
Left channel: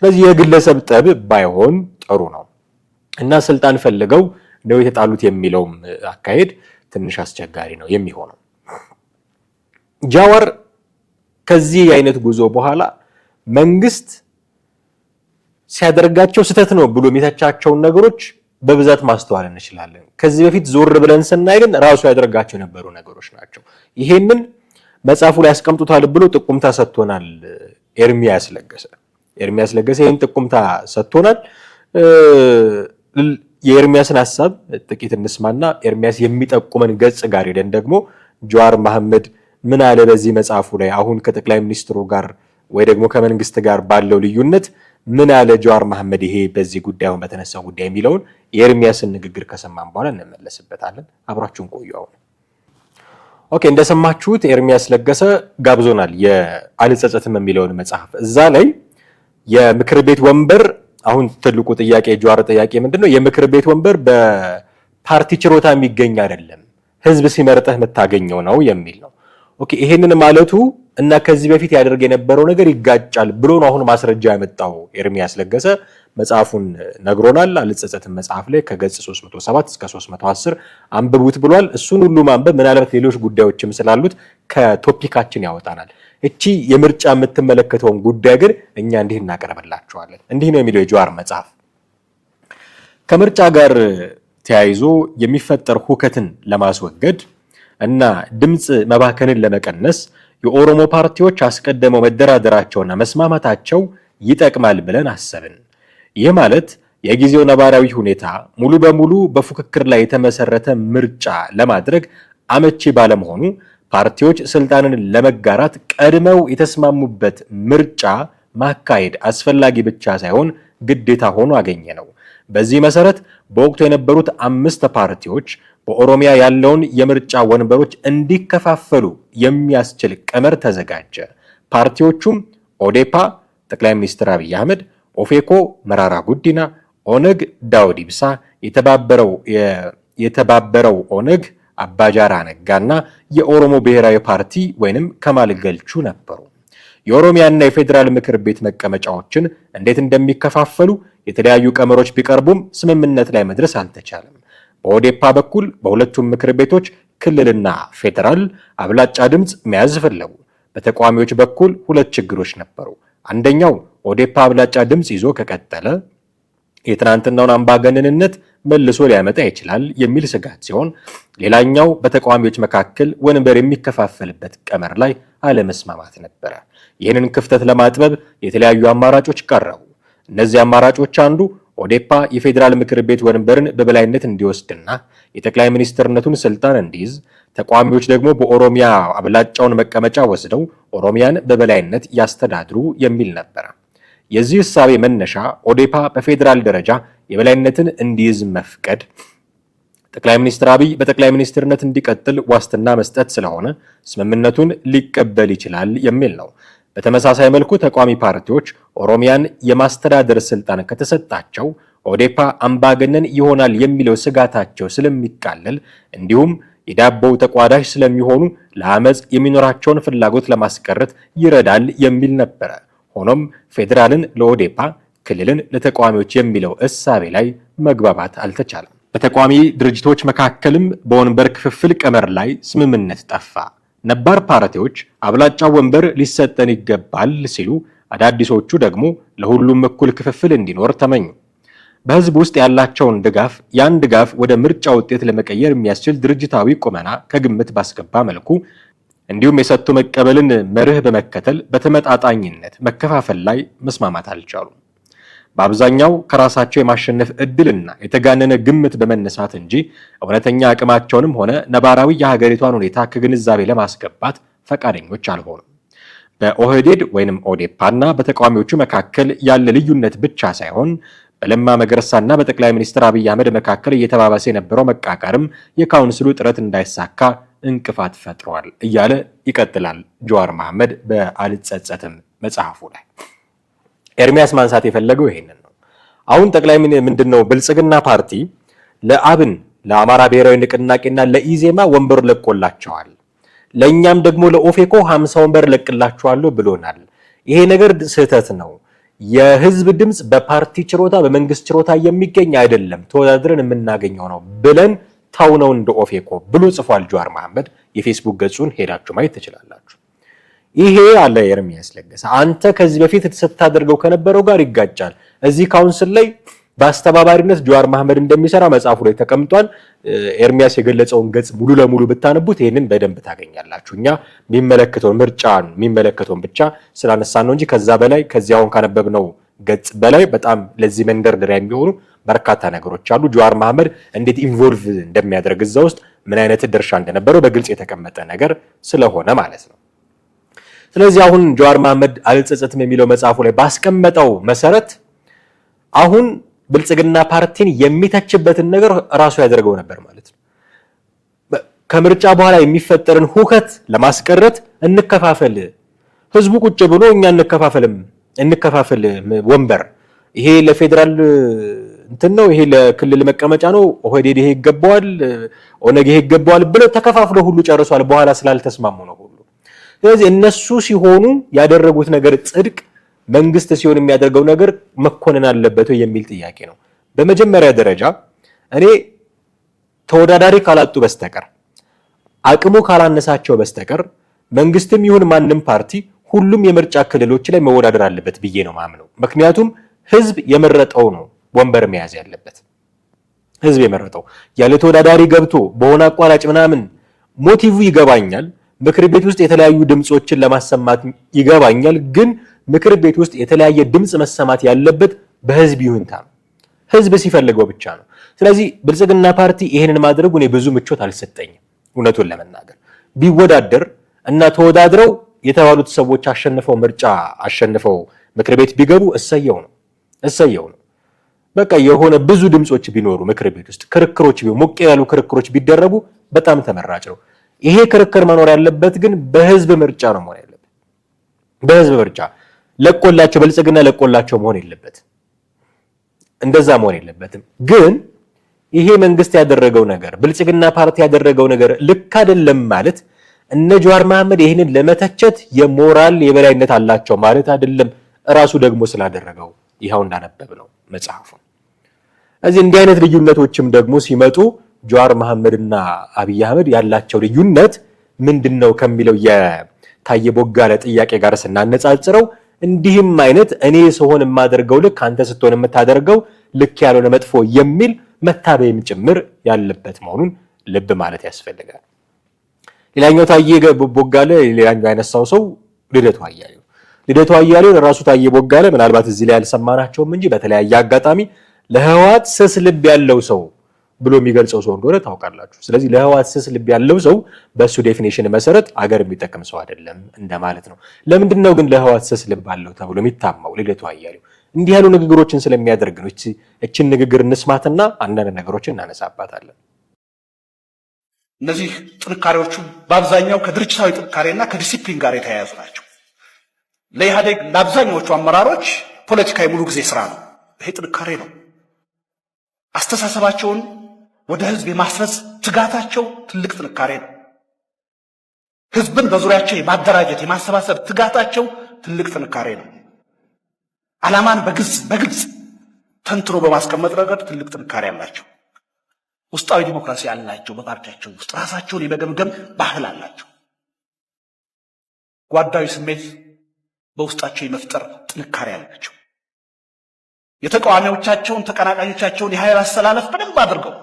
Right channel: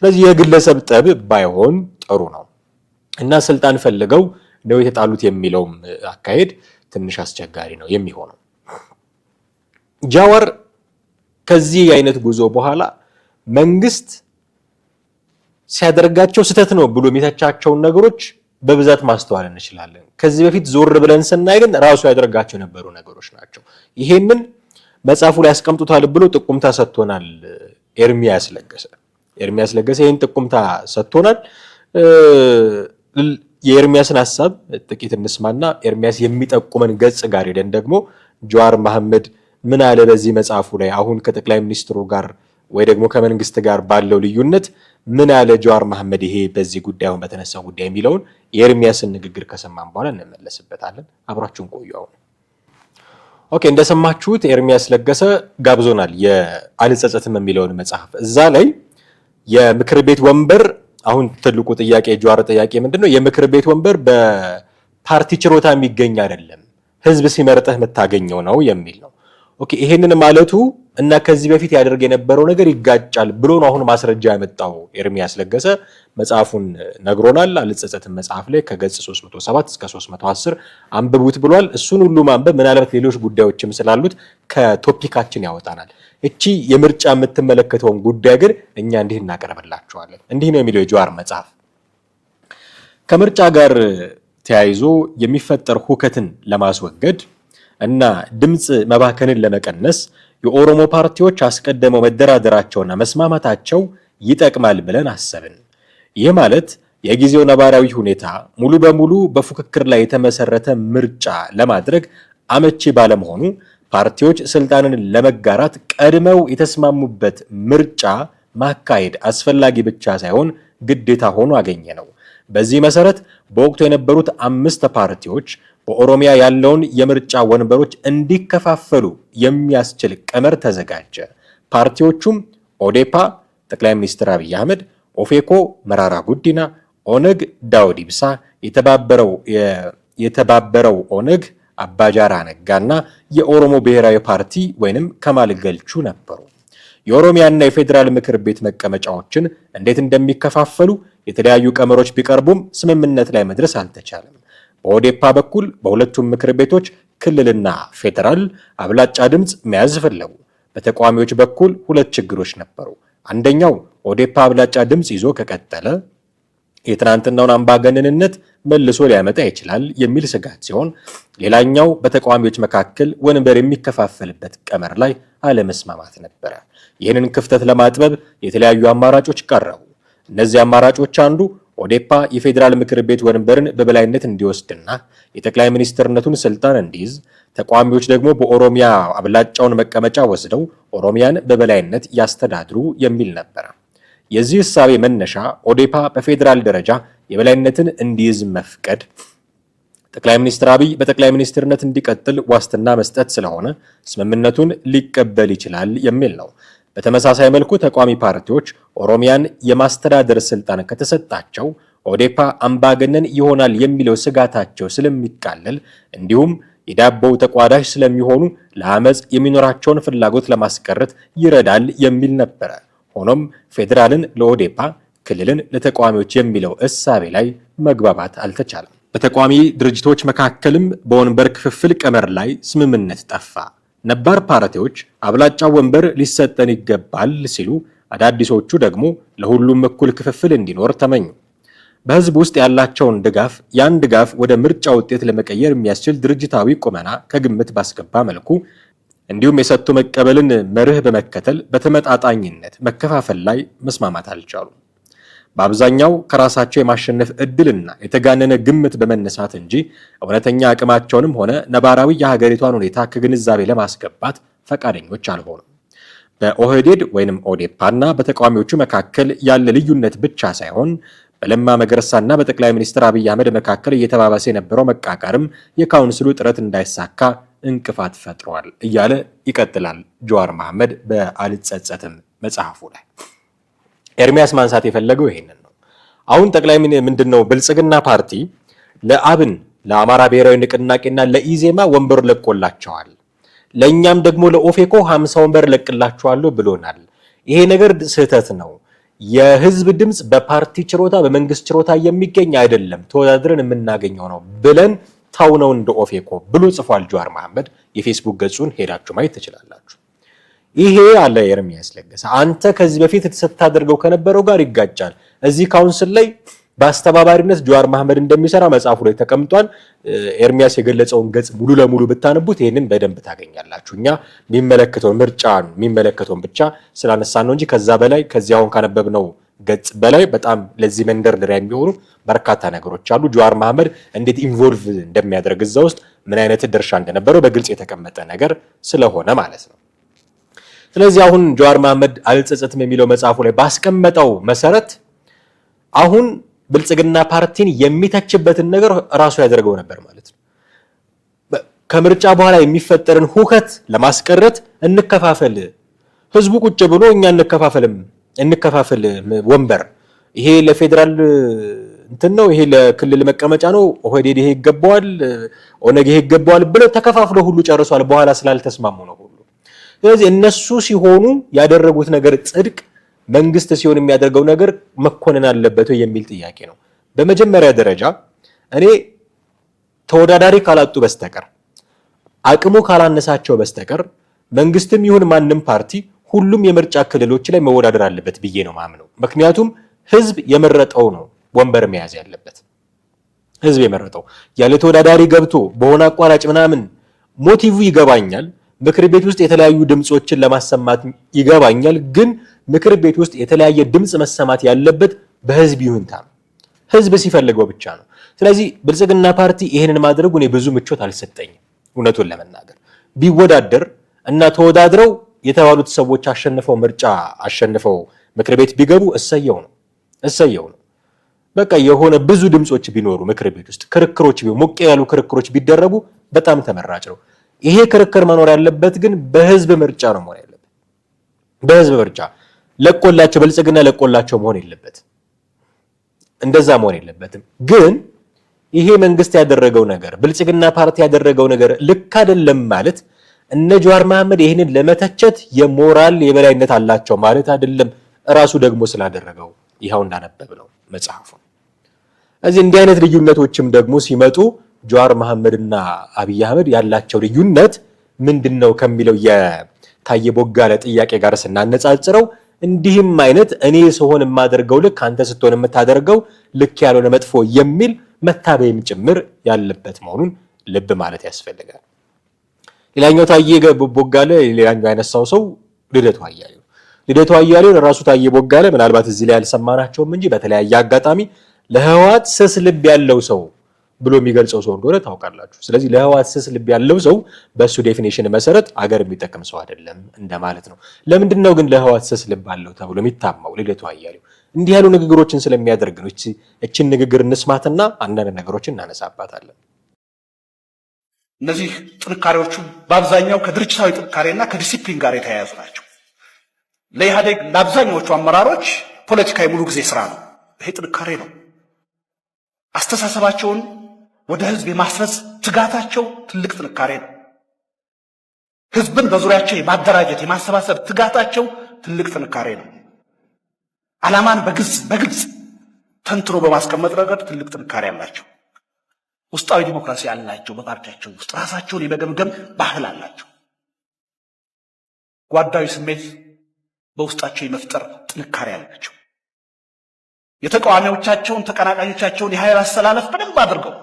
ስለዚህ የግለሰብ ጠብ ባይሆን ጥሩ ነው እና ስልጣን ፈልገው ነው የተጣሉት የሚለውም አካሄድ ትንሽ አስቸጋሪ ነው የሚሆነው። ጀዋር ከዚህ አይነት ጉዞ በኋላ መንግስት ሲያደርጋቸው ስህተት ነው ብሎ የሚተቻቸውን ነገሮች በብዛት ማስተዋል እንችላለን። ከዚህ በፊት ዞር ብለን ስናይ ግን ራሱ ያደርጋቸው የነበሩ ነገሮች ናቸው። ይሄንን መጽሐፉ ላይ ያስቀምጡታል ብሎ ጥቁምታ ሰጥቶናል ኤርሚያስ ለገሰ ይሄን ጥቁምታ ሰጥቶናል። የኤርሚያስን ሐሳብ ጥቂት እንስማና ኤርሚያስ የሚጠቁመን ገጽ ጋር ሄደን ደግሞ ጀዋር መሐመድ ምን አለ በዚህ መጽሐፉ ላይ አሁን ከጠቅላይ ሚኒስትሩ ጋር ወይ ደግሞ ከመንግስት ጋር ባለው ልዩነት ምን አለ ጀዋር መሐመድ ይሄ በዚህ ጉዳይ አሁን በተነሳው ጉዳይ የሚለውን የኤርሚያስን ንግግር ከሰማን በኋላ እንመለስበታለን። አብራችሁን ቆዩ። ኦኬ እንደሰማችሁት ኤርሚያስ ለገሰ ጋብዞናል የአልጸጸትም የሚለውን መጽሐፍ። እዛ ላይ የምክር ቤት ወንበር አሁን ትልቁ ጥያቄ ጀዋር ጥያቄ ምንድነው? የምክር ቤት ወንበር በፓርቲ ችሮታ የሚገኝ አይደለም፣ ህዝብ ሲመርጠህ የምታገኘው ነው የሚል ነው። ኦኬ ይሄንን ማለቱ እና ከዚህ በፊት ያደርግ የነበረው ነገር ይጋጫል ብሎ ነው አሁን ማስረጃ ያመጣው ኤርሚያስ ለገሰ። መጽሐፉን ነግሮናል። አልጸጸትም መጽሐፍ ላይ ከገጽ 307 እስከ 310 አንብቡት ብሏል። እሱን ሁሉ ማንበብ ምናልባት ሌሎች ጉዳዮችም ስላሉት ከቶፒካችን ያወጣናል። እቺ የምርጫ የምትመለከተውን ጉዳይ ግን እኛ እንዲህ እናቀርብላችኋለን። እንዲህ ነው የሚለው የጀዋር መጽሐፍ። ከምርጫ ጋር ተያይዞ የሚፈጠር ሁከትን ለማስወገድ እና ድምጽ መባከንን ለመቀነስ የኦሮሞ ፓርቲዎች አስቀድመው መደራደራቸውና መስማማታቸው ይጠቅማል ብለን አሰብን። ይህ ማለት የጊዜው ነባራዊ ሁኔታ ሙሉ በሙሉ በፉክክር ላይ የተመሰረተ ምርጫ ለማድረግ አመቺ ባለመሆኑ ፓርቲዎች ስልጣንን ለመጋራት ቀድመው የተስማሙበት ምርጫ ማካሄድ አስፈላጊ ብቻ ሳይሆን ግዴታ ሆኖ አገኘ ነው። በዚህ መሰረት በወቅቱ የነበሩት 5 ፓርቲዎች በኦሮሚያ ያለውን የምርጫ ወንበሮች እንዲከፋፈሉ የሚያስችል ቀመር ተዘጋጀ። ፓርቲዎቹም ኦዴፓ ጠቅላይ ሚኒስትር አብይ አህመድ፣ ኦፌኮ መራራ ጉዲና፣ ኦነግ ዳውድ ኢብሳ፣ የተባበረው ኦነግ አባጃራ ነጋና የኦሮሞ ብሔራዊ ፓርቲ ወይንም ከማል ገልቹ ነበሩ። የኦሮሚያና የፌዴራል ምክር ቤት መቀመጫዎችን እንዴት እንደሚከፋፈሉ የተለያዩ ቀመሮች ቢቀርቡም ስምምነት ላይ መድረስ አልተቻለም። በኦዴፓ በኩል በሁለቱም ምክር ቤቶች ክልልና ፌዴራል አብላጫ ድምፅ መያዝ ፈለጉ። በተቃዋሚዎች በኩል ሁለት ችግሮች ነበሩ። አንደኛው ኦዴፓ አብላጫ ድምፅ ይዞ ከቀጠለ የትናንትናውን አምባገነንነት መልሶ ሊያመጣ ይችላል የሚል ስጋት ሲሆን፣ ሌላኛው በተቃዋሚዎች መካከል ወንበር የሚከፋፈልበት ቀመር ላይ አለመስማማት ነበረ። ይህንን ክፍተት ለማጥበብ የተለያዩ አማራጮች ቀረቡ። እነዚህ አማራጮች አንዱ ኦዴፓ የፌዴራል ምክር ቤት ወንበርን በበላይነት እንዲወስድና የጠቅላይ ሚኒስትርነቱን ስልጣን እንዲይዝ፣ ተቃዋሚዎች ደግሞ በኦሮሚያ አብላጫውን መቀመጫ ወስደው ኦሮሚያን በበላይነት ያስተዳድሩ የሚል ነበር። የዚህ እሳቤ መነሻ ኦዴፓ በፌዴራል ደረጃ የበላይነትን እንዲይዝ መፍቀድ ጠቅላይ ሚኒስትር አብይ በጠቅላይ ሚኒስትርነት እንዲቀጥል ዋስትና መስጠት ስለሆነ ስምምነቱን ሊቀበል ይችላል የሚል ነው። በተመሳሳይ መልኩ ተቃዋሚ ፓርቲዎች ኦሮሚያን የማስተዳደር ስልጣን ከተሰጣቸው ኦዴፓ አምባገነን ይሆናል የሚለው ስጋታቸው ስለሚቃለል እንዲሁም የዳቦው ተቋዳሽ ስለሚሆኑ ለአመፅ የሚኖራቸውን ፍላጎት ለማስቀረት ይረዳል የሚል ነበረ። ሆኖም ፌዴራልን ለኦዴፓ ክልልን ለተቃዋሚዎች የሚለው እሳቤ ላይ መግባባት አልተቻለም። በተቃዋሚ ድርጅቶች መካከልም በወንበር ክፍፍል ቀመር ላይ ስምምነት ጠፋ። ነባር ፓርቲዎች አብላጫ ወንበር ሊሰጠን ይገባል ሲሉ፣ አዳዲሶቹ ደግሞ ለሁሉም እኩል ክፍፍል እንዲኖር ተመኙ። በህዝብ ውስጥ ያላቸውን ያን ድጋፍ ወደ ምርጫ ውጤት ለመቀየር የሚያስችል ድርጅታዊ ቁመና ከግምት ባስገባ መልኩ እንዲሁም የሰጥቶ መቀበልን መርህ በመከተል በተመጣጣኝነት መከፋፈል ላይ መስማማት አልቻሉም። በአብዛኛው ከራሳቸው የማሸነፍ እድልና የተጋነነ ግምት በመነሳት እንጂ እውነተኛ አቅማቸውንም ሆነ ነባራዊ የሀገሪቷን ሁኔታ ከግንዛቤ ለማስገባት ፈቃደኞች አልሆኑም። በኦህዴድ ወይንም ኦዴፓና በተቃዋሚዎቹ መካከል ያለ ልዩነት ብቻ ሳይሆን በለማ መገርሳና በጠቅላይ ሚኒስትር አብይ አህመድ መካከል እየተባባሰ የነበረው መቃቀርም የካውንስሉ ጥረት እንዳይሳካ እንቅፋት ፈጥሯል እያለ ይቀጥላል ጀዋር መሐመድ በአልጸጸትም መጽሐፉ ላይ። ኤርሚያስ ማንሳት የፈለገው ይሄንን ነው። አሁን ጠቅላይ ምንድነው ብልጽግና ፓርቲ ለአብን ለአማራ ብሔራዊ ንቅናቄና ለኢዜማ ወንበር ለቆላቸዋል፣ ለኛም ደግሞ ለኦፌኮ 50 ወንበር ለቅላቸዋለሁ ብሎናል። ይሄ ነገር ስህተት ነው። የህዝብ ድምጽ በፓርቲ ችሮታ በመንግስት ችሮታ የሚገኝ አይደለም፣ ተወዳድረን የምናገኘው ነው ብለን ታውነው እንደ ኦፌኮ ብሎ ጽፏል ጀዋር መሐመድ። የፌስቡክ ገጹን ሄዳችሁ ማየት ትችላላችሁ። ይሄ አለ ኤርሚያስ ለገሰ አንተ ከዚህ በፊት ተሰታደርገው ከነበረው ጋር ይጋጫል። እዚህ ካውንስል ላይ በአስተባባሪነት ጀዋር መሐመድ እንደሚሰራ መጽሐፉ ላይ ተቀምጧል። ኤርሚያስ የገለጸውን ገጽ ሙሉ ለሙሉ ብታነቡት ይሄንን በደንብ ታገኛላችሁ። እኛ የሚመለከተውን ምርጫን የሚመለከተውን ብቻ ስላነሳን ነው እንጂ ከዛ በላይ ከዚያውን ካነበብነው ገጽ በላይ በጣም ለዚህ መንደርደሪያ የሚሆኑ በርካታ ነገሮች አሉ። ጀዋር መሐመድ እንዴት ኢንቮልቭ እንደሚያደርግ እዛ ውስጥ ምን አይነት ድርሻ እንደነበረው በግልጽ የተቀመጠ ነገር ስለሆነ ማለት ነው። ስለዚህ አሁን ጀዋር መሐመድ አልጸጸትም የሚለው መጽሐፉ ላይ ባስቀመጠው መሰረት አሁን ብልጽግና ፓርቲን የሚተችበትን ነገር ራሱ ያደርገው ነበር ማለት ነው። ከምርጫ በኋላ የሚፈጠርን ሁከት ለማስቀረት እንከፋፈል፣ ህዝቡ ቁጭ ብሎ እኛ እንከፋፈል ወንበር፣ ይሄ ለፌዴራል እንትን ነው፣ ይሄ ለክልል መቀመጫ ነው፣ ኦህዴድ ይሄ ይገባዋል፣ ኦነግ ይሄ ይገባዋል ብለው ተከፋፍለው ሁሉ ጨርሷል። በኋላ ስላልተስማሙ ነው ሁሉ። ስለዚህ እነሱ ሲሆኑ ያደረጉት ነገር ጽድቅ፣ መንግስት ሲሆን የሚያደርገው ነገር መኮነን አለበት የሚል ጥያቄ ነው። በመጀመሪያ ደረጃ እኔ ተወዳዳሪ ካላጡ በስተቀር አቅሙ ካላነሳቸው በስተቀር መንግስትም ይሁን ማንም ፓርቲ ሁሉም የምርጫ ክልሎች ላይ መወዳደር አለበት ብዬ ነው ማምነው። ምክንያቱም ህዝብ የመረጠው ነው ወንበር መያዝ ያለበት። ህዝብ የመረጠው ያለ ተወዳዳሪ ገብቶ በሆነ አቋራጭ ምናምን ሞቲቭ ይገባኛል። ምክር ቤት ውስጥ የተለያዩ ድምጾችን ለማሰማት ይገባኛል። ግን ምክር ቤት ውስጥ የተለያየ ድምጽ መሰማት ያለበት በህዝብ ይሁንታ ነው። ህዝብ ሲፈልገው ብቻ ነው። ስለዚህ ብልጽግና ፓርቲ ይሄንን ማድረጉ እኔ ብዙ ምቾት አልሰጠኝም። እውነቱን ለመናገር ቢወዳደር እና ተወዳድረው የተባሉት ሰዎች አሸንፈው ምክር ቤት ቢገቡ እሰየው ነው። በቃ የሆነ ብዙ ድምጾች ቢኖሩ ምክር ቤት ውስጥ ክርክሮች ሞቅ ያሉ ክርክሮች ቢደረጉ በጣም ተመራጭ ነው። ይሄ ክርክር መኖር ያለበት ግን በህዝብ ምርጫ ነው መሆን ያለበት። በህዝብ ምርጫ ብልጽግና ለቆላቸው መሆን የለበት። እንደዛ መሆን የለበትም። ግን ይሄ መንግስት ያደረገው ነገር ብልጽግና ፓርቲ ያደረገው ነገር ልክ አይደለም ማለት እነ ጀዋር መሐመድ ይህንን ለመተቸት የሞራል የበላይነት አላቸው ማለት አይደለም። ራሱ ደግሞ ስላደረገው ይሄው እንዳነበብ ነው መጽሐፉ። እዚህ እንዲህ አይነት ልዩነቶችም ደግሞ ሲመጡ ጀዋር መሐመድና አብይ አህመድ ያላቸው ልዩነት ምንድነው ከሚለው የታየ ቦጋለ ጥያቄ ጋር ስናነጻጽረው እንዲህም አይነት እኔ ሰሆን የማደርገው ልክ አንተ ስትሆን የምታደርገው ልክ ያልሆነ መጥፎ የሚል መታበይም ጭምር ያለበት መሆኑን ልብ ማለት ያስፈልጋል። ሌላኛው ታየ ቦጋለ ሌላኛው ያነሳው ሰው ልደቱ አያሌው ራሱ ታየ ቦጋለ ምናልባት እዚህ ላይ ያልሰማናቸውም እንጂ በተለያየ አጋጣሚ ለህወሓት ስስ ልብ ያለው ሰው ብሎ የሚገልጸው ሰው እንደሆነ ታውቃላችሁ። ስለዚህ ለህወሓት ስስ ልብ ያለው ሰው በሱ ዴፊኒሽን መሰረት አገር የሚጠቅም ሰው አይደለም እንደማለት ነው። ለምንድን ነው ግን ለህወሓት ስስ ልብ አለው ተብሎ የሚታማው ልደቱ አያሌው? እንዲህ ያሉ ንግግሮችን ስለሚያደርግ ነው። እቺን ንግግር እንስማትና አንዳንድ ነገሮችን እናነሳባታለን። እነዚህ ጥንካሬዎቹ በአብዛኛው ከድርጅታዊ ጥንካሬና ከዲሲፕሊን ጋር የተያያዙ ናቸው። ለኢህአዴግ ለአብዛኛዎቹ አመራሮች ፖለቲካዊ ሙሉ ጊዜ ስራ ነው። ይሄ ጥንካሬ ነው። አስተሳሰባቸውን ወደ ህዝብ የማስረጽ ትጋታቸው ትልቅ ጥንካሬ ነው። ህዝብን በዙሪያቸው የማደራጀት የማሰባሰብ ትጋታቸው ትልቅ ጥንካሬ ነው። ዓላማን በግልጽ ተንትኖ በማስቀመጥ ረገድ ትልቅ ጥንካሬ አላቸው። ውስጣዊ ዲሞክራሲ አላቸው። በፓርቲያቸው ውስጥ ራሳቸውን የመገምገም ባህል አላቸው። ጓዳዊ ስሜት በውስጣቸው የመፍጠር ጥንካሬ አላቸው። የተቃዋሚዎቻቸውን ተቀናቃኞቻቸውን የኃይል አስተላለፍ በደንብ አድርገው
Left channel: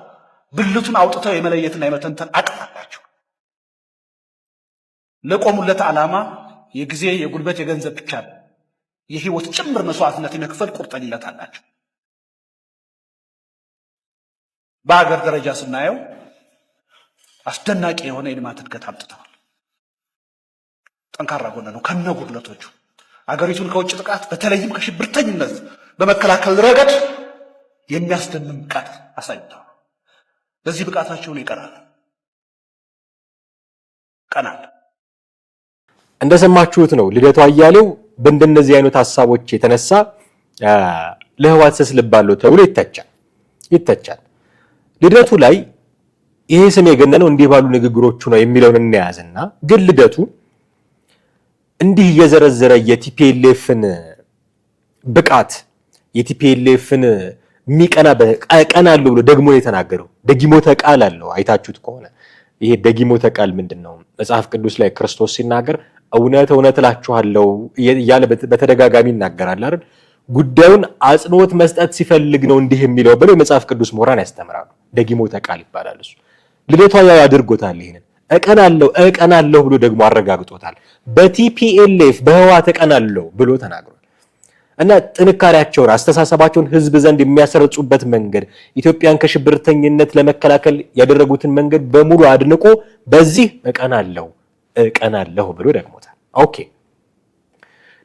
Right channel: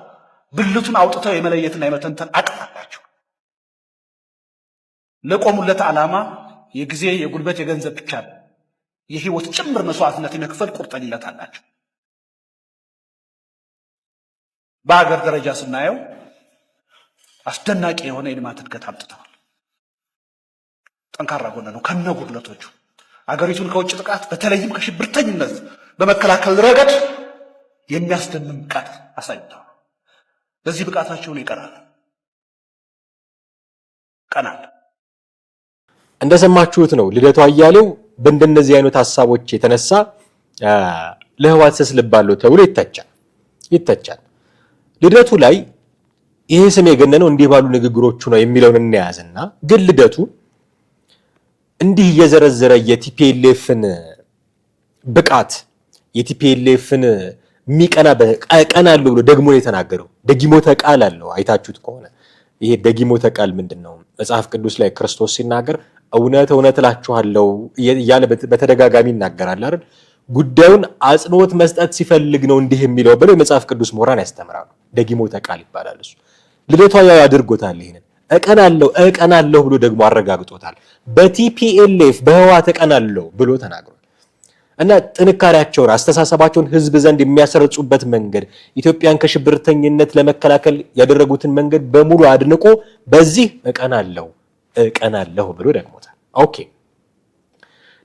ብልቱን አውጥተው የመለየትና የመተንተን አቅም አላቸው። ለቆሙለት ዓላማ የጊዜ የጉልበት የገንዘብ ብቻ የህይወት ጭምር መስዋዕትነት የመክፈል ቁርጠኝነት አላቸው። በአገር ደረጃ ስናየው አስደናቂ የሆነ የልማት እድገት አምጥተዋል። ጠንካራ ጎን ነው ከነጉድለቶቹ። አገሪቱን ከውጭ ጥቃት በተለይም ከሽብርተኝነት በመከላከል ረገድ የሚያስደምም ብቃት አሳይተዋል። በዚህ ብቃታቸውን ይቀራል ቀናል። እንደሰማችሁት ነው ልደቱ አያሌው በእንደነዚህ አይነት ሐሳቦች የተነሳ ለህወሓት ስስ ልብ አለው ተብሎ ይተቻል። ልደቱ ላይ ይሄ ስም የገነነው እንዲህ ባሉ ንግግሮቹ ነው የሚለውን እንያዝና ግን ልደቱ እንዲህ እየዘረዘረ የቲፒኤልኤፍን ብቃት የቲፒኤልኤፍን ሚቀና ቀናለው ብሎ ደግሞ የተናገረው ደጊሞተ ቃል አለው። አይታችሁት ከሆነ ይሄ ደጊሞተ ቃል ምንድነው? መጽሐፍ ቅዱስ ላይ ክርስቶስ ሲናገር እውነት እላችኋለሁ እያለ በተደጋጋሚ ይናገራል አይደል? ጉዳዩን አጽንኦት መስጠት ሲፈልግ ነው እንዲህ የሚለው ብለው የመጽሐፍ ቅዱስ ምሁራን ያስተምራሉ። ደጊሞተ ቃል ይባላል እሱ። ልደቱ ያድርጎታል። ይሄንን እቀናለሁ ብሎ ደግሞ አረጋግጦታል። በቲፒኤልኤፍ በህወሓት እቀናለሁ ብሎ ተናግሯል። እና ጥንካሬያቸውን አስተሳሰባቸውን ህዝብ ዘንድ የሚያሰርጹበት መንገድ ኢትዮጵያን ከሽብርተኝነት ለመከላከል ያደረጉትን መንገድ በሙሉ አድንቆ በዚህ እቀናለሁ ብሎ ደግሞታል። ኦኬ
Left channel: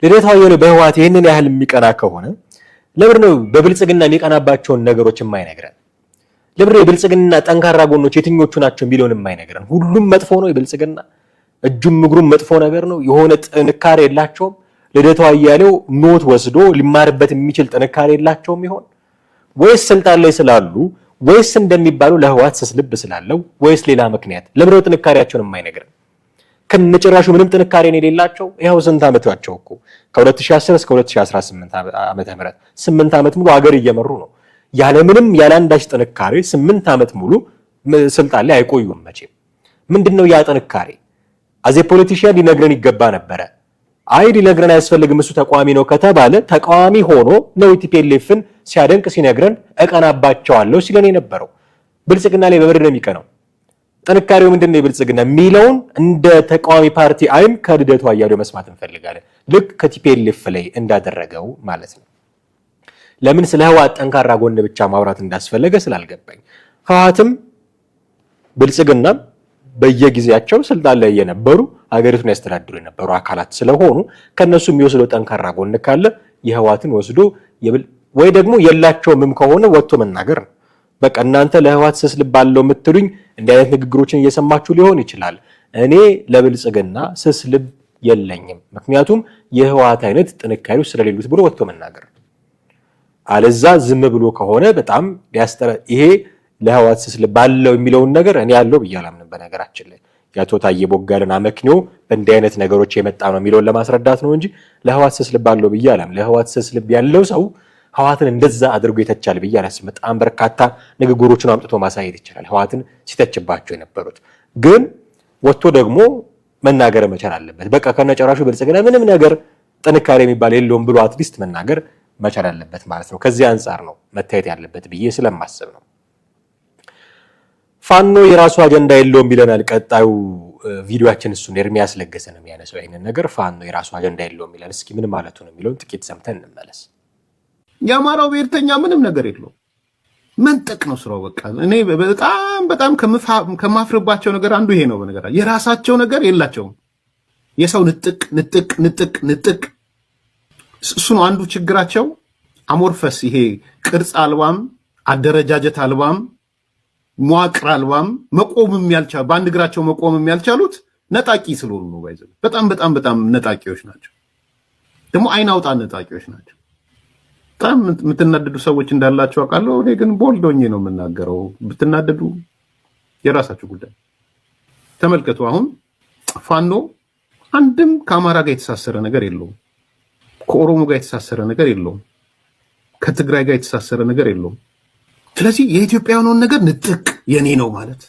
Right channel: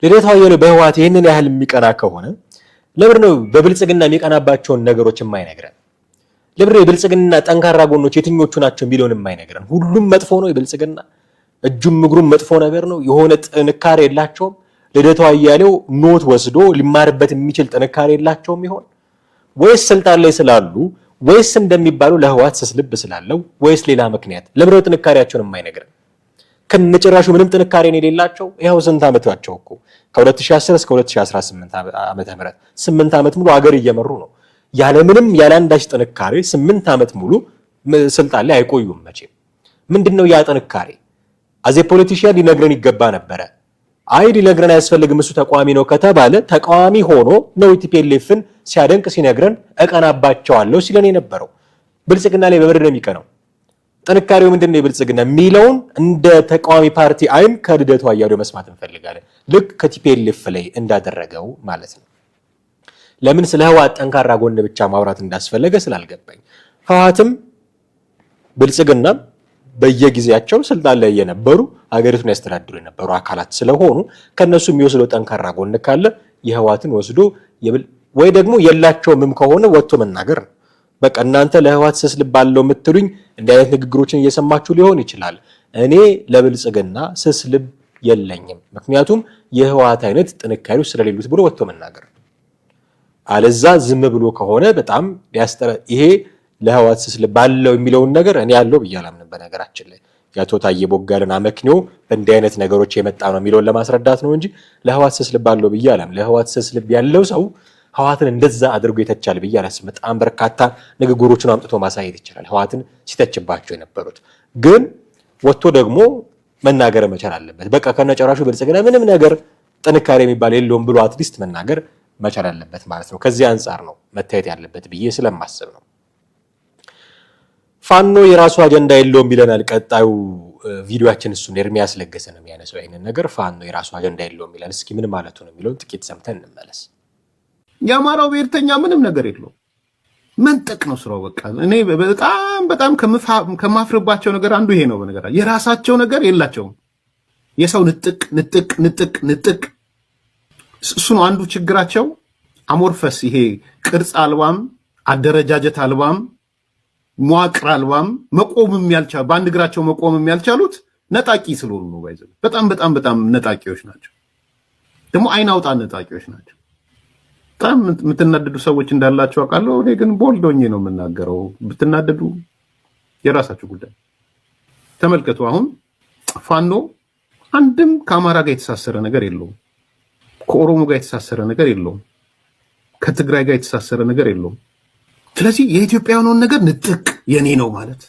ልደቱ አያሌው በህወሓት ይህንን ያህል የሚቀና ከሆነ ለምን ነው በብልጽግና የሚቀናባቸውን ነገሮች የማይነግረን? ለምን ነው የብልጽግና ጠንካራ ጎኖች የትኞቹ ናቸው የሚለውን የማይነግረን? ሁሉም መጥፎ ነው የብልጽግና እጁም እግሩም መጥፎ ነገር ነው። የሆነ ጥንካሬ የላቸውም። ልደቱ አያሌው ኖት ወስዶ ሊማርበት የሚችል ጥንካሬ የላቸውም ይሆን? ወይስ ስልጣን ላይ ስላሉ ወይስ እንደሚባሉ ለህወሓት ስስ ልብ ስላለው ወይስ ሌላ ምክንያት? ለምን ነው ጥንካሬያቸውን የማይነግረን? ከነጭራሹ ምንም ጥንካሬ የሌላቸው ይሄው ስንት ዓመታቸው እኮ ከ2010 እስከ 2018 ዓመተ ምህረት 8 ዓመት ሙሉ አገር እየመሩ ነው። ያለ አንዳች ጥንካሬ 8 ዓመት ሙሉ ስልጣን ላይ አይቆዩም መቼም። ምንድነው ያ ጥንካሬ? አዜ ፖለቲሽያን ሊነግረን ይገባ ነበረ። ሊነግረን አያስፈልግም። እሱ ተቃዋሚ ነው ከተባለ ተቃዋሚ ሆኖ ነው ቲፒኤልኤፍን ሲያደንቅ ሲነግረን እቀናባቸዋለሁ ሲለን የነበረው። ብልጽግና ላይ በብር ነው የሚቀነው። ጥንካሬው ምንድነው የብልጽግና የሚለውን እንደ ተቃዋሚ ፓርቲ አይን ከልደቱ አያሌው መስማት እንፈልጋለን። ልክ ከቲፒኤልኤፍ ላይ እንዳደረገው ማለት ነው። ለምን ስለ ህወሓት ጠንካራ ጎን ብቻ ማውራት እንዳስፈለገ ስላልገባኝ። ህወሓትም ብልጽግናም በየጊዜያቸው ስልጣን ላይ የነበሩ ሀገሪቱን ያስተዳድሩ የነበሩ አካላት ስለሆኑ ከነሱ የሚወስደው ጠንካራ ጎን ካለ የህወሓትን ወስዶ ወይ ደግሞ የላቸውም ከሆነ ወጥቶ መናገር ነው። በቃ እናንተ ለህወሓት ስስ ልብ አለው የምትሉኝ እንዲህ አይነት ንግግሮችን እየሰማችሁ ሊሆን ይችላል። እኔ ለብልጽግና ስስ ልብ የለኝም፣ ምክንያቱም የህወሓት አይነት ጥንካሬው ስለሌሉት ብሎ ወጥቶ መናገር። አለዛ ዝም ብሎ ከሆነ በጣም ይሄ ለህዋት ስስ ልብ አለው የሚለውን ነገር እኔ ያለው ብዬ አላምንም። በነገራችን ላይ የአቶ ታዬ ቦጋለን አመክንዮ እንዲህ አይነት ነገሮች የመጣ ነው የሚለውን ለማስረዳት ነው እንጂ ለህዋት ስስ ልብ አለው ብዬ አላምንም። ለህዋት ስስ ልብ ያለው ሰው ህዋትን እንደዛ አድርጎ የተቻለ ብዬ አላስብም። በጣም በርካታ ንግግሮችን አምጥቶ ማሳየት ይችላል ህዋትን ሲተችባቸው የነበሩት። ግን ወጥቶ ደግሞ መናገር መቻል አለበት። በቃ ከነጨራሹ ብልጽግና ምንም ነገር ጥንካሬ የሚባል የለውም ብሎ አትሊስት መናገር መቻል አለበት ማለት ነው። ከዚህ አንጻር ነው መታየት ያለበት ብዬ ስለማስብ ነው። ፋኖ የራሱ አጀንዳ የለውም ይለናል ቀጣዩ ቪዲዮአችን። እሱን ኤርሚያስ ለገሰ ነው የሚያነሳው ይሄንን ነገር። ፋኖ የራሱ አጀንዳ የለውም ይላል። እስኪ ምን ማለቱ ነው የሚለውን ጥቂት ሰምተን እንመለስ። የአማራው ብሔርተኛ ምንም ነገር የለውም፣ መንጠቅ ነው ስራው። በቃ እኔ በጣም ከማፍርባቸው ነገር አንዱ ይሄ ነው። በነገር የራሳቸው ነገር የላቸውም። የሰው ንጥቅ እሱ ነው አንዱ ችግራቸው። አሞርፈስ ይሄ ቅርጽ አልባም፣ አደረጃጀት አልባም፣ መዋቅር አልባም መቆምም ያልቻሉ በአንድ እግራቸው መቆምም ያልቻሉት ነጣቂ ስለሆኑ ነው። ባይዘው በጣም ነጣቂዎች ናቸው። ደግሞ አይን አውጣ ነጣቂዎች ናቸው። በጣም የምትናደዱ ሰዎች እንዳላችሁ አውቃለሁ። እኔ ግን ቦልዶኜ ነው የምናገረው። ብትናደዱ የራሳችሁ ጉዳይ። ተመልከቱ። አሁን ፋኖ አንድም ከአማራ ጋር የተሳሰረ ነገር የለውም። ከኦሮሞ ጋር የተሳሰረ ነገር የለውም። ከትግራይ ጋር የተሳሰረ ነገር የለውም። ስለዚህ የኢትዮጵያውያኑን ነገር ንጥቅ የኔ ነው ማለት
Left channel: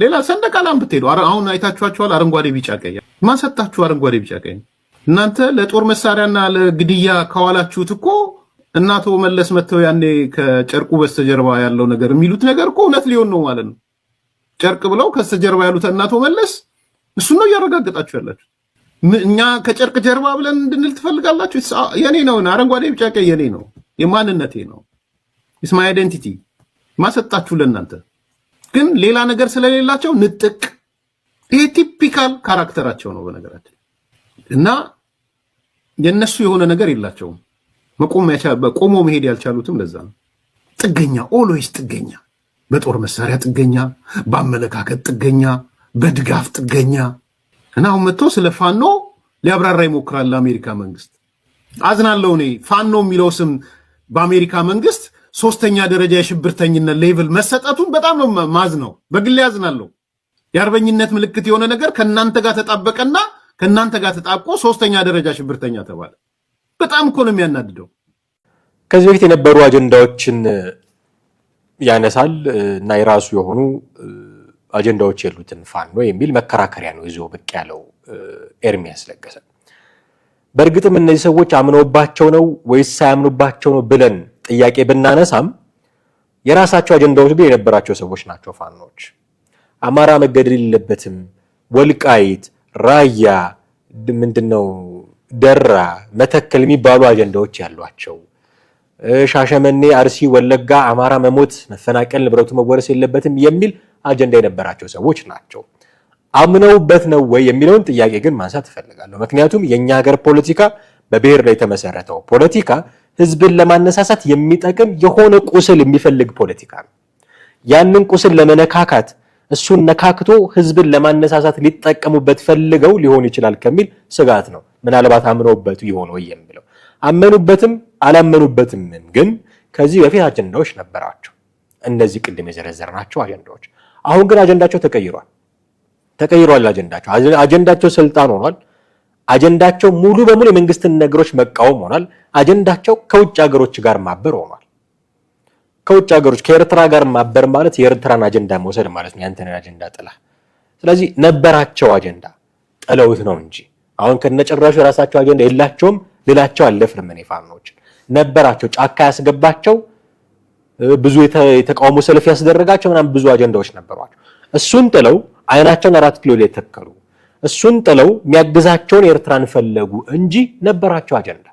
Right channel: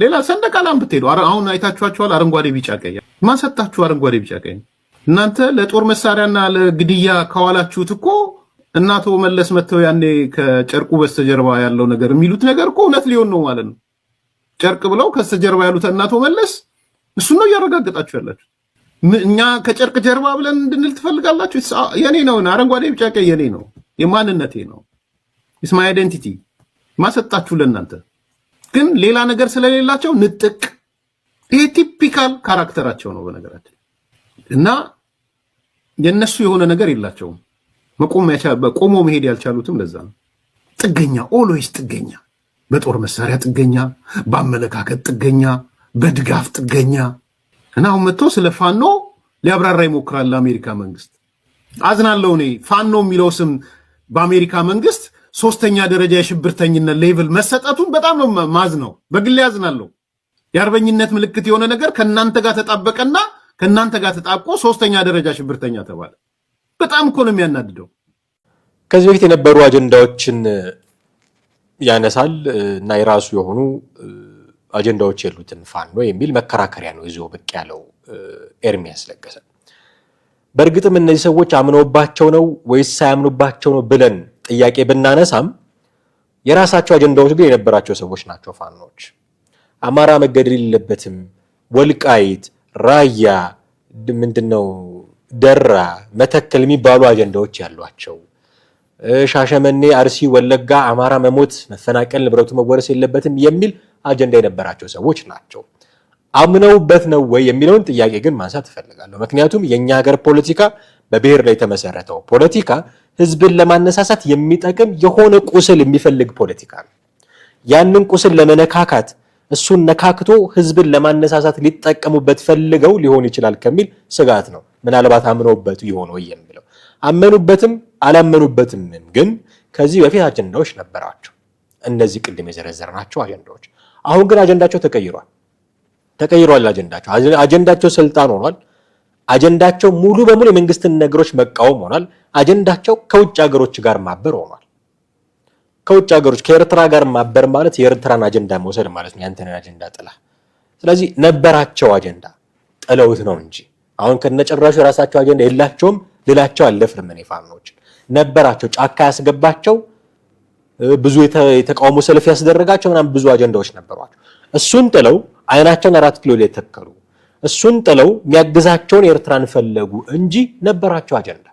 ሌላ ሰንደቅ ዓላማ ብትሄዱ አሁን አይታችኋቸዋል። አረንጓዴ ቢጫ ቀይ ማን ሰጣችሁ? አረንጓዴ ቢጫ ቀይ እናንተ ለጦር መሳሪያና ለግድያ ከዋላችሁት እኮ እናቶ መለስ መተው ያኔ ከጨርቁ በስተጀርባ ያለው ነገር የሚሉት ነገር እኮ እውነት ሊሆን ነው ማለት ነው። ጨርቅ ብለው ከስተጀርባ ያሉት እናቶ መለስ እሱን ነው እያረጋገጣችሁ ያላችሁ። እኛ ከጨርቅ ጀርባ ብለን እንድንል ትፈልጋላችሁ? የኔ ነው አረንጓዴ ቢጫ ቀይ የኔ ነው፣ የማንነቴ ነው፣ ኢትስ ማይ አይደንቲቲ ማሰጣችሁ ለእናንተ። ግን ሌላ ነገር ስለሌላቸው ንጥቅ። ይሄ ቲፒካል ካራክተራቸው ነው በነገራችን። እና የነሱ የሆነ ነገር የላቸውም። ቆሞ መሄድ ያልቻሉትም ለዛ ነው። ጥገኛ፣ ኦልዌይስ ጥገኛ፣ በጦር መሳሪያ ጥገኛ፣ በአመለካከት ጥገኛ፣ በድጋፍ ጥገኛ። እና አሁን መጥቶ ስለ ፋኖ ሊያብራራ ይሞክራል ለአሜሪካ መንግስት። አዝናለሁ እኔ ፋኖ የሚለው ስም በአሜሪካ መንግስት ሶስተኛ ደረጃ የሽብርተኝነት ሌቭል መሰጠቱን በጣም ነው ማዝነው። በግሌ አዝናለሁ። የአርበኝነት ምልክት የሆነ ነገር ከእናንተ ጋር ተጣበቀና ከእናንተ ጋር ተጣብቆ ሶስተኛ ደረጃ ሽብርተኛ ተባለ። በጣም እኮ ነው የሚያናድደው። ከዚህ በፊት የነበሩ አጀንዳዎችን ያነሳል እና የራሱ የሆኑ አጀንዳዎች የሉትም ፋኖ የሚል መከራከሪያ ነው ይዞ ብቅ ያለው ኤርሚያስ ለገሰ። በእርግጥም እነዚህ ሰዎች አምነውባቸው ነው ወይስ ሳያምኑባቸው ነው ብለን ጥያቄ ብናነሳም የራሳቸው አጀንዳዎች ግን የነበራቸው ሰዎች ናቸው ፋኖች። አማራ መገደል የለበትም፣ ወልቃይት፣ ራያ፣ ምንድነው ደራ፣ መተከል የሚባሉ አጀንዳዎች ያሏቸው፣ ሻሸመኔ፣ አርሲ፣ ወለጋ አማራ መሞት፣ መፈናቀል፣ ንብረቱ መወረስ የለበትም የሚል አጀንዳ የነበራቸው ሰዎች ናቸው። አምነውበት ነው ወይ የሚለውን ጥያቄ ግን ማንሳት እፈልጋለሁ። ምክንያቱም የኛ ሀገር ፖለቲካ በብሔር ላይ የተመሰረተው ፖለቲካ ህዝብን ለማነሳሳት የሚጠቅም የሆነ ቁስል የሚፈልግ ፖለቲካ ነው። ያንን ቁስል ለመነካካት እሱን ነካክቶ ህዝብን ለማነሳሳት ሊጠቀሙበት ፈልገው ሊሆን ይችላል ከሚል ስጋት ነው ምናልባት አምነውበት ይሆን ወይ የሚለው። አመኑበትም አላመኑበትም ግን ከዚህ በፊት አጀንዳዎች ነበራቸው፣ እነዚህ ቅድም የዘረዘርናቸው አጀንዳዎች። አሁን ግን አጀንዳቸው ተቀይሯል። አጀንዳቸው ስልጣን ሆኗል። አጀንዳቸው ሙሉ በሙሉ የመንግስትን ነገሮች መቃወም ሆኗል። አጀንዳቸው ከውጭ ሀገሮች ጋር ማበር ሆኗል። ከውጭ ሀገሮች ከኤርትራ ጋር ማበር ማለት የኤርትራን አጀንዳ መውሰድ ማለት ነው፣ ያንተን አጀንዳ ጥላ። ስለዚህ ነበራቸው አጀንዳ ጥለውት ነው እንጂ አሁን ከነጨራሹ የራሳቸው አጀንዳ የላቸውም ልላቸው አልደፍርም። እኔ ፋኖች ነበራቸው፣ ጫካ ያስገባቸው፣ ብዙ የተቃውሞ ሰልፍ ያስደረጋቸው ምናምን ብዙ አጀንዳዎች ነበሯቸው። እሱን ጥለው አይናቸውን 4 ኪሎ ላይ ተከሉ። እሱን ጥለው የሚያግዛቸውን ኤርትራን ፈለጉ እንጂ ነበራቸው አጀንዳ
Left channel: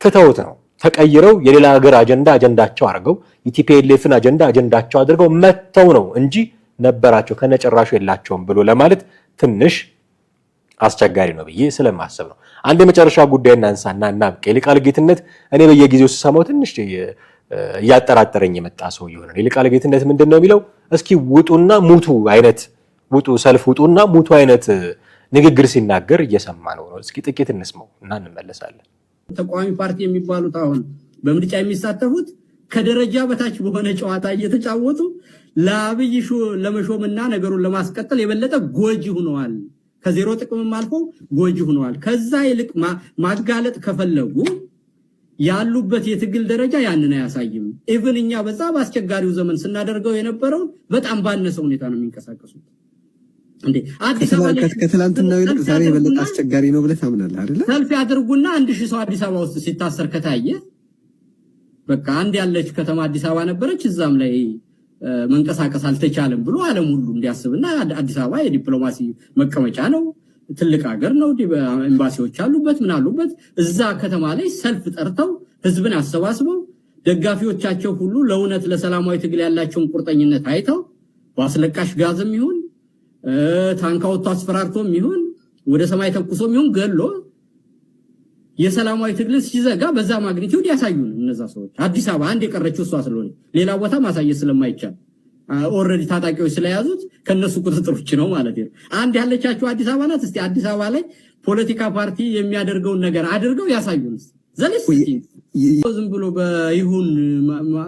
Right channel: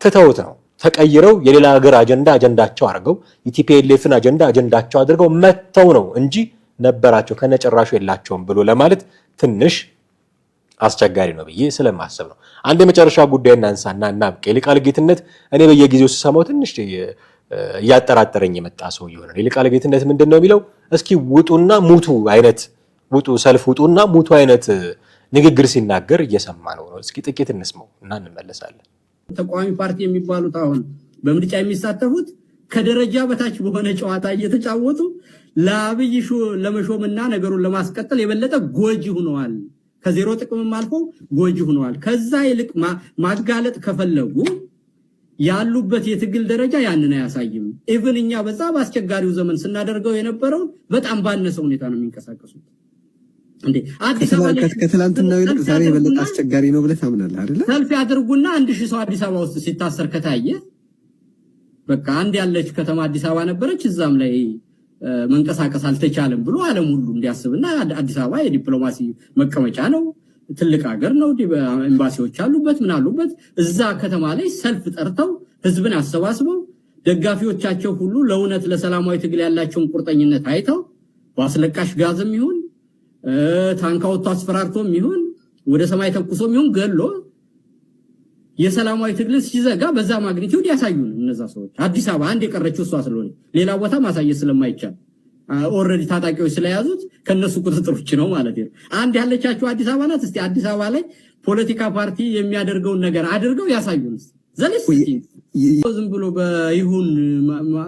ትተውት ነው ተቀይረው የሌላ ሀገር አጀንዳቸው አድርገው ኢቲፒኤልኤፍን አጀንዳቸው አድርገው መተው ነው እንጂ ነበራቸው ከነጨራሹ የላቸውም ብሎ ለማለት ትንሽ አስቸጋሪ ነው ብዬ ስለማስብ ነው። አንድ የመጨረሻ ጉዳይ እናንሳና እናብቅ። የሊቃል ጌትነት እኔ በየጊዜው ስሰማው ትንሽ እያጠራጠረኝ የመጣ ሰው ይሆናል። የሊቃል ጌትነት ምንድነው የሚለው? እስኪ ውጡና ሙቱ አይነት ሰልፍ ውጡና ሙቱ አይነት ንግግር ሲናገር እየሰማ ነው። እስኪ ጥቂት እንስማው እና እንመለሳለን። ተቃዋሚ ፓርቲ የሚባሉት አሁን በምርጫ የሚሳተፉት ከደረጃ በታች በሆነ ጨዋታ እየተጫወቱ ለአብይ ለመሾምና ነገሩን ለማስቀጠል የበለጠ ጎጂ ሆነዋል። ከዜሮ ጥቅምም አልፎ ጎጂ ሆነዋል። ከዛ ይልቅ ማጋለጥ ከፈለጉ ያሉበት የትግል ደረጃ ያንን አያሳይም። ኢቭን እኛ በዛ በአስቸጋሪው ዘመን ስናደርገው የነበረውን በጣም ባነሰ ሁኔታ ነው የሚንቀሳቀሱት። እንዴ አዲስ አበባ ከትላንትናው ይልቅ ዛሬ የበለጠ አስቸጋሪ ነው ብለህ ታምናለህ አይደል? ሰልፍ ያድርጉና 1000 ሰው አዲስ አበባ ውስጥ ሲታሰር ከታየ በቃ አንድ ያለች ከተማ አዲስ አበባ ነበረች፣ እዛም ላይ መንቀሳቀስ አልተቻለም ብሎ ዓለም ሁሉ እንዲያስብና አዲስ አበባ የዲፕሎማሲ መቀመጫ ነው፣ ትልቅ ሀገር ነው፣ ኤምባሲዎች አሉበት፣ ምን አሉበት። እዛ ከተማ ላይ ሰልፍ ጠርተው ህዝብን አሰባስበው ደጋፊዎቻቸው ሁሉ ለእውነት ለሰላማዊ ትግል ያላቸውን ቁርጠኝነት አይተው በአስለቃሽ ጋዝም ይሁን ታንካውቶ አስፈራርቶም ይሁን ወደ ሰማይ ተኩሶም ይሁን ገሎ የሰላማዊ ትግል ሲዘጋ በዛ ማግኒቲዩድ ያሳዩን እነዛ ሰዎች። አዲስ አበባ አንድ የቀረችው እሷ ስለሆነ ሌላ ቦታ ማሳየት ስለማይቻል ኦልሬዲ ታጣቂዎች ስለያዙት ከነሱ ቁጥጥር ውጭ ነው ማለት ነው። አንድ ያለቻቸው አዲስ አበባ ናት። እስቲ አዲስ አበባ ላይ ፖለቲካ ፓርቲ የሚያደርገውን ነገር አድርገው ያሳዩን። ዝም ብሎ በይሁን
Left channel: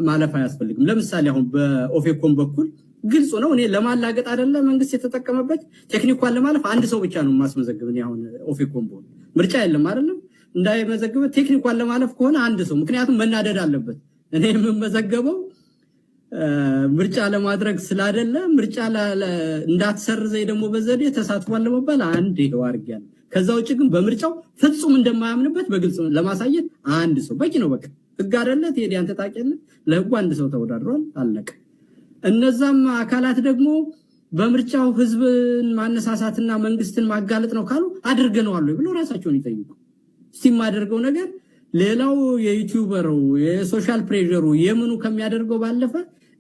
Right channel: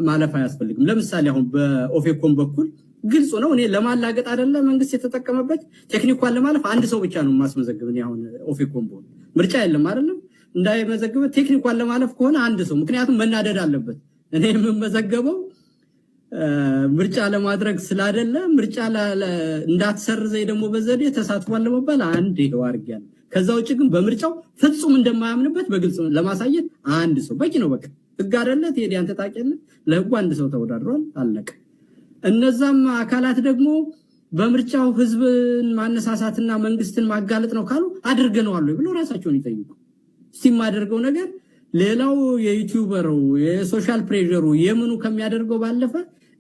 ማለፍ አያስፈልግም። ለምሳሌ አሁን በኦፌኮም በኩል ግልጽ ነው። እኔ ለማላገጥ አይደለም መንግስት የተጠቀመበት ቴክኒኳን ለማለፍ አንድ ሰው ብቻ ነው ማስመዘግብ። እኔ አሁን ኦፌኮም ቦል ምርጫ የለም አይደለም እንዳይመዘግብ ቴክኒኳን ለማለፍ ከሆነ አንድ ሰው ምክንያቱም መናደድ አለበት። እኔ የምመዘገበው ምርጫ ለማድረግ ስላደለ ምርጫ እንዳትሰርዘይ ደግሞ በዘዴ ተሳትፏል ለመባል አንድ ይሄው አድርጊያለሁ። ከዛ ውጭ ግን በምርጫው ፍጹም እንደማያምንበት በግልጽ ለማሳየት አንድ ሰው በቂ ነው። በቃ ህግ አይደለ ቴዲ አንተ ታውቂያለህ። ለህጉ አንድ ሰው ተወዳድሯል፣ አለቀ። እነዛም አካላት ደግሞ በምርጫው ህዝብን ማነሳሳትና መንግስትን ማጋለጥ ነው ካሉ አድርገነዋል ብሎ ራሳቸውን ይጠይቁ። ሲማደርገው ነገር ሌላው የዩቲዩበሩ የሶሻል ፕሬሸሩ የምኑ ከሚያደርገው ባለፈ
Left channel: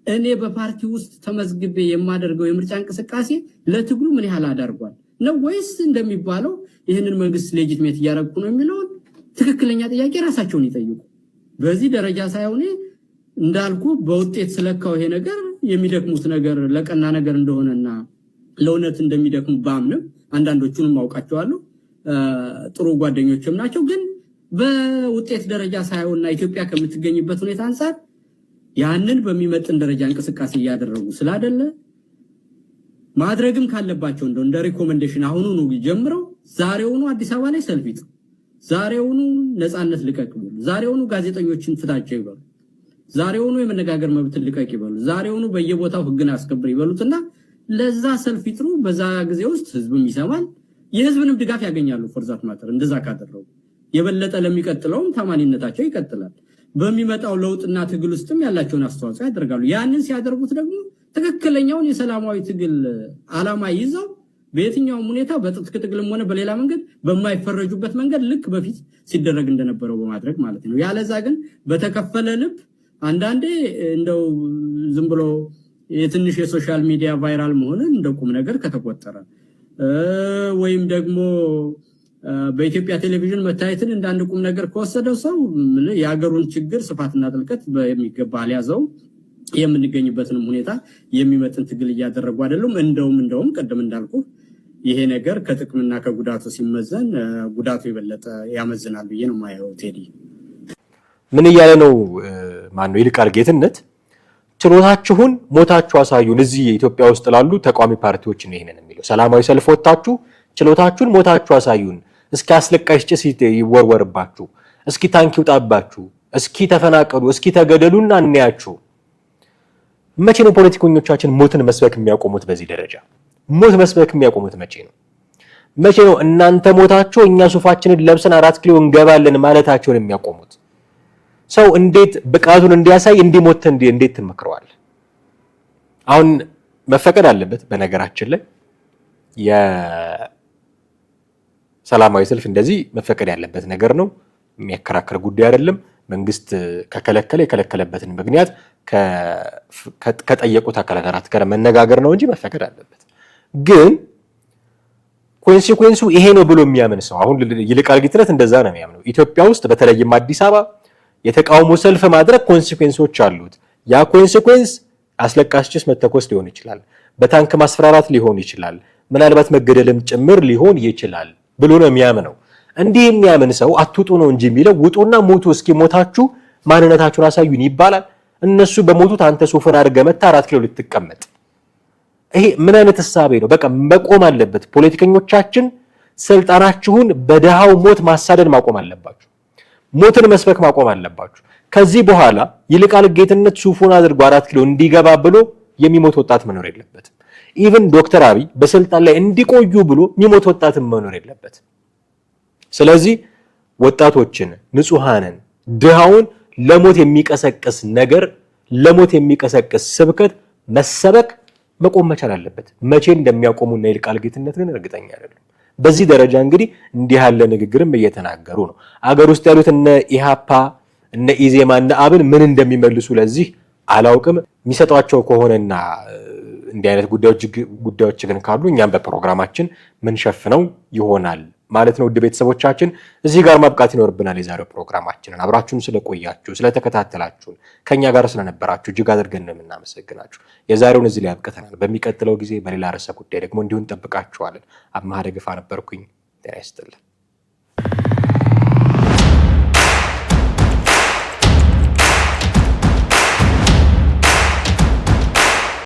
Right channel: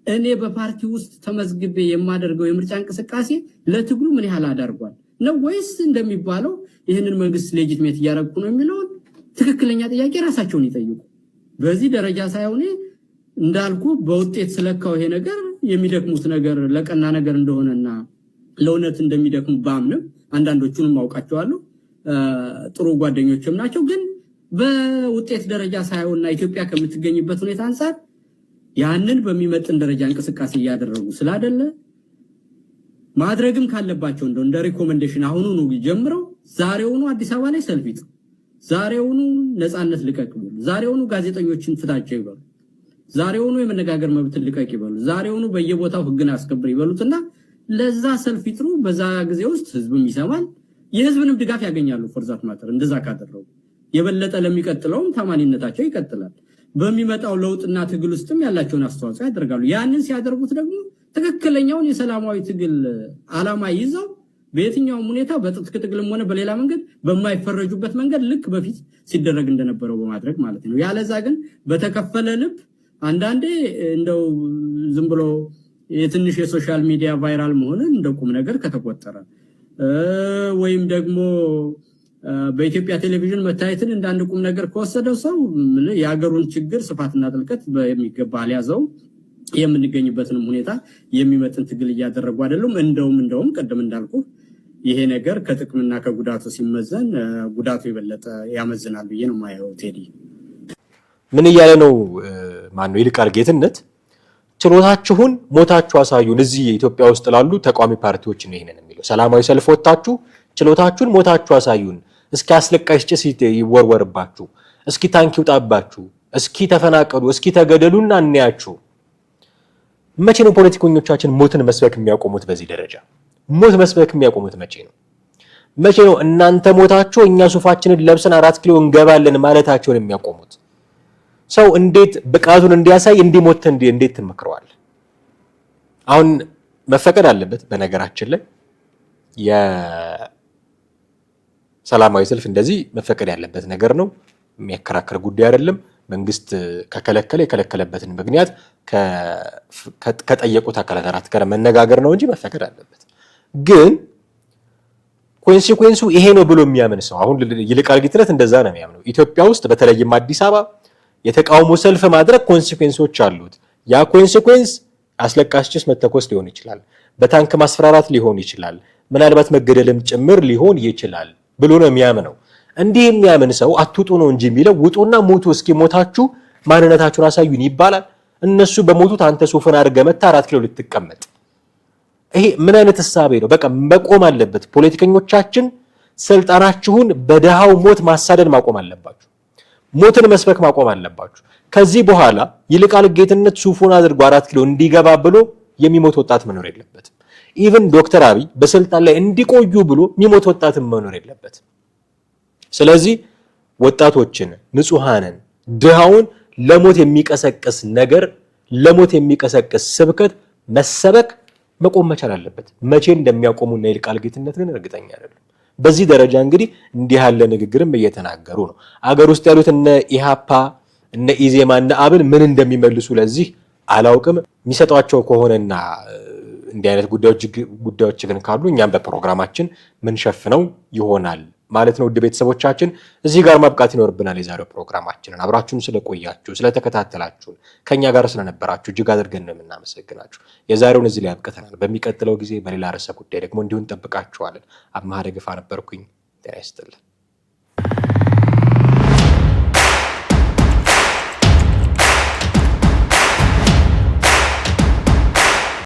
እኔ በፓርቲ ውስጥ ተመዝግቤ የማደርገው የምርጫ እንቅስቃሴ ለትግሉ ምን ያህል አዳርጓል ነው ወይስ እንደሚባለው ይህንን መንግስት ሌጂትሜት እያደረኩ ነው የሚለውን ትክክለኛ ጥያቄ ራሳቸውን ይጠይቁ። በዚህ ደረጃ ሳይሆን እንዳልኩ በውጤት ስለካው ይሄ ነገር የሚደክሙት ነገር ለቀና ነገር እንደሆነና ለእውነት እንደሚደክሙ ባምንም አንዳንዶቹንም አውቃቸዋለሁ፣ ጥሩ ጓደኞችም ናቸው። ግን በውጤት ደረጃ ሳይሆንና ኢትዮጵያ ከምትገኝበት ሁኔታ አንፃር ያንን በሚመጥን ደረጃ እንቅስቃሴ እያደረጉ ስላደለ ማድረግም ካለባቸው እንደ ሪኮመንዴሽን አሁኑኑ ጀምረው ዛሬውኑ አዲስ አበባ ላይ ሰልፍ ይጥሩ፣ ዛሬውኑ ነፃነት ልቀቅ ይበሉ፣ ዛሬውኑ ጋዜጠኞችን ፍታቸው ይበሉ፣ ዛሬውኑ የመነጋገር መብትን ልቀቅ ይበሉ፣ ዛሬውኑ በየቦታው ህግን አስከብር ይበሉትና ለዛ ሰልፍ ይጥሩ። በዛ ጊዜ ውስጥ ህዝብም ይሰማል፣ የህዝብንም ድጋፍ ያገኛሉ። ፎርዛት ማተር እንደዛ ካደረጉ የበለጠ ለሚቀጥለውም ታማኒነታቸው ይቀጥላል። በሚመጣው ለውጥና ትግል ውስጥም ያላቸውን አስተዋጽኦ ያደርጋሉ። ያንን ሲያደርጉት ደግሞ ትክክለኛውን የሰላማዊ ትግል ዓላማ ይዘው በየትኛውም ሁኔታ በትጥቅ ትግልም ሆነ በሌላ መንገድ በማይፈረጁበት መንገድ ልክ በፊት ሲደረግ እንደነበረው በማድረግ ማለት ነው። ያለዛ ግን በተከፈለ ልብ አንዳንዴ እንደው ዝም ብሎ የትንሽ የሶሻል ሚዲያ ቫይራል መሆንን እንደ ቁም ነገር ከተቆጠረ ወይም ደግሞ በኢትዮጵያ ቴሌቪዥን መታየትን እንደ አንድ ቁም ነገር ከወሰደው ሰው የሀገሩን ችግር ስፋትና ጥልቀት በሚገባ አልያዘው የምንገኝበትንም ሁኔታ የሚመጥን ትግል እያደረጉ አይደሉም። እንደውም ቀደም እንዳልኩ ይሄ ነገር ከጥቅምና ከጉዳቱ ሲመዘን ጉዳቱ የበለጠ ያመዝናል ብዬ ነው የማየው። ቴዲ ምን እያለ ነው? ማነው ይልቃል ጌትነት ችሎታችሁን ሞታችሁ አሳዩን። እዚህ ኢትዮጵያ ውስጥ ላሉ ተቃዋሚ ፓርቲዎች ነው ይሄንን የሚለው። ሰላማዊ ሰልፍ ወጣችሁ ችሎታችሁን ሞታችሁ አሳዩን። እስኪ አስለቃሽ ጭስ ይወርወርባችሁ፣ እስኪ ታንክ ይውጣባችሁ፣ እስኪ ተፈናቀሉ፣ እስኪ ተገደሉና እንያችሁ። መቼ ነው ፖለቲከኞቻችን ሞትን መስበክ የሚያቆሙት? በዚህ ደረጃ ሞት መስበክ የሚያቆሙት መቼ ነው? መቼ ነው እናንተ ሞታችሁ እኛ ሱፋችንን ለብሰን 4 ኪሎ እንገባለን ማለታቸውን የሚያቆሙት? ሰው እንዴት ብቃቱን እንዲያሳይ እንዲሞት እንዴት ትመክረዋል? አሁን መፈቀድ አለበት። በነገራችን ላይ የሰላማዊ ሰልፍ እንደዚህ መፈቀድ ያለበት ነገር ነው። የሚያከራክር ጉዳይ አይደለም። መንግስት ከከለከለ የከለከለበትን ምክንያት ከጠየቁት አካላት ጋር መነጋገር ነው እንጂ መፈቀድ አለበት። ግን ኮንሲኩዌንሱ ይሄ ነው ብሎ የሚያምን ሰው አሁን ይልቃል ጌትነት እንደዛ ነው የሚያምነው። ኢትዮጵያ ውስጥ በተለይም አዲስ አበባ የተቃውሞ ሰልፍ ማድረግ ኮንሲኩዌንሶች አሉት። ያ ኮንሲኩዌንስ አስለቃሽ ጭስ መተኮስ ሊሆን ይችላል፣ በታንክ ማስፈራራት ሊሆን ይችላል፣ ምናልባት መገደልም ጭምር ሊሆን ይችላል ብሎ ነው የሚያምነው። እንዲህ የሚያምን ሰው አትውጡ ነው እንጂ የሚለው ውጡና ሞቱ፣ እስኪ ሞታችሁ ማንነታችሁን አሳዩን ይባላል። እነሱ በሞቱት አንተ ሶፈር አድርገህ መታ 4 ኪሎ ልትቀመጥ። ይሄ ምን አይነት ሐሳብ ነው? በቃ መቆም አለበት። ፖለቲከኞቻችን ስልጣናችሁን በደሃው ሞት ማሳደድ ማቆም አለባችሁ። ሞትን መስበክ ማቆም አለባችሁ። ከዚህ በኋላ ይልቃል ጌትነት ሱፉን አድርጎ 4 ኪሎ እንዲገባ ብሎ የሚሞት ወጣት መኖር የለበትም። ኢቭን ዶክተር አብይ በስልጣን ላይ እንዲቆዩ ብሎ የሚሞት ወጣት መኖር የለበትም። ስለዚህ ወጣቶችን፣ ንጹሃንን፣ ድሃውን ለሞት የሚቀሰቅስ ነገር፣ ለሞት የሚቀሰቅስ ስብከት መሰበክ መቆም መቻል አለበት። መቼ እንደሚያቆሙና ይልቃል ጌትነት ግን እርግጠኛ አይደለም። በዚህ ደረጃ እንግዲህ እንዲህ ያለ ንግግርም እየተናገሩ ነው። አገር ውስጥ ያሉት እነ ኢሃፓ፣ እነ ኢዜማ፣ እነ አብን ምን እንደሚመልሱ ለዚህ አላውቅም። የሚሰጧቸው ከሆነና እንዲህ አይነት ጉዳዮች ግን ካሉ እኛም በፕሮግራማችን ምን ሸፍነው ይሆናል ማለት ነው። ውድ ቤተሰቦቻችን እዚህ ጋር ማብቃት ይኖርብናል የዛሬው ፕሮግራማችንን። አብራችሁን ስለቆያችሁ ስለተከታተላችሁን ከኛ ጋር ስለነበራችሁ እጅግ አድርገን ነው የምናመሰግናችሁ። የዛሬውን እዚህ ላይ አብቅተናል። በሚቀጥለው ጊዜ በሌላ ርዕሰ ጉዳይ ደግሞ እንዲሁ እንጠብቃችኋለን። አብማሃ ደግፋ ነበርኩኝ። ጤና ይስጥልን።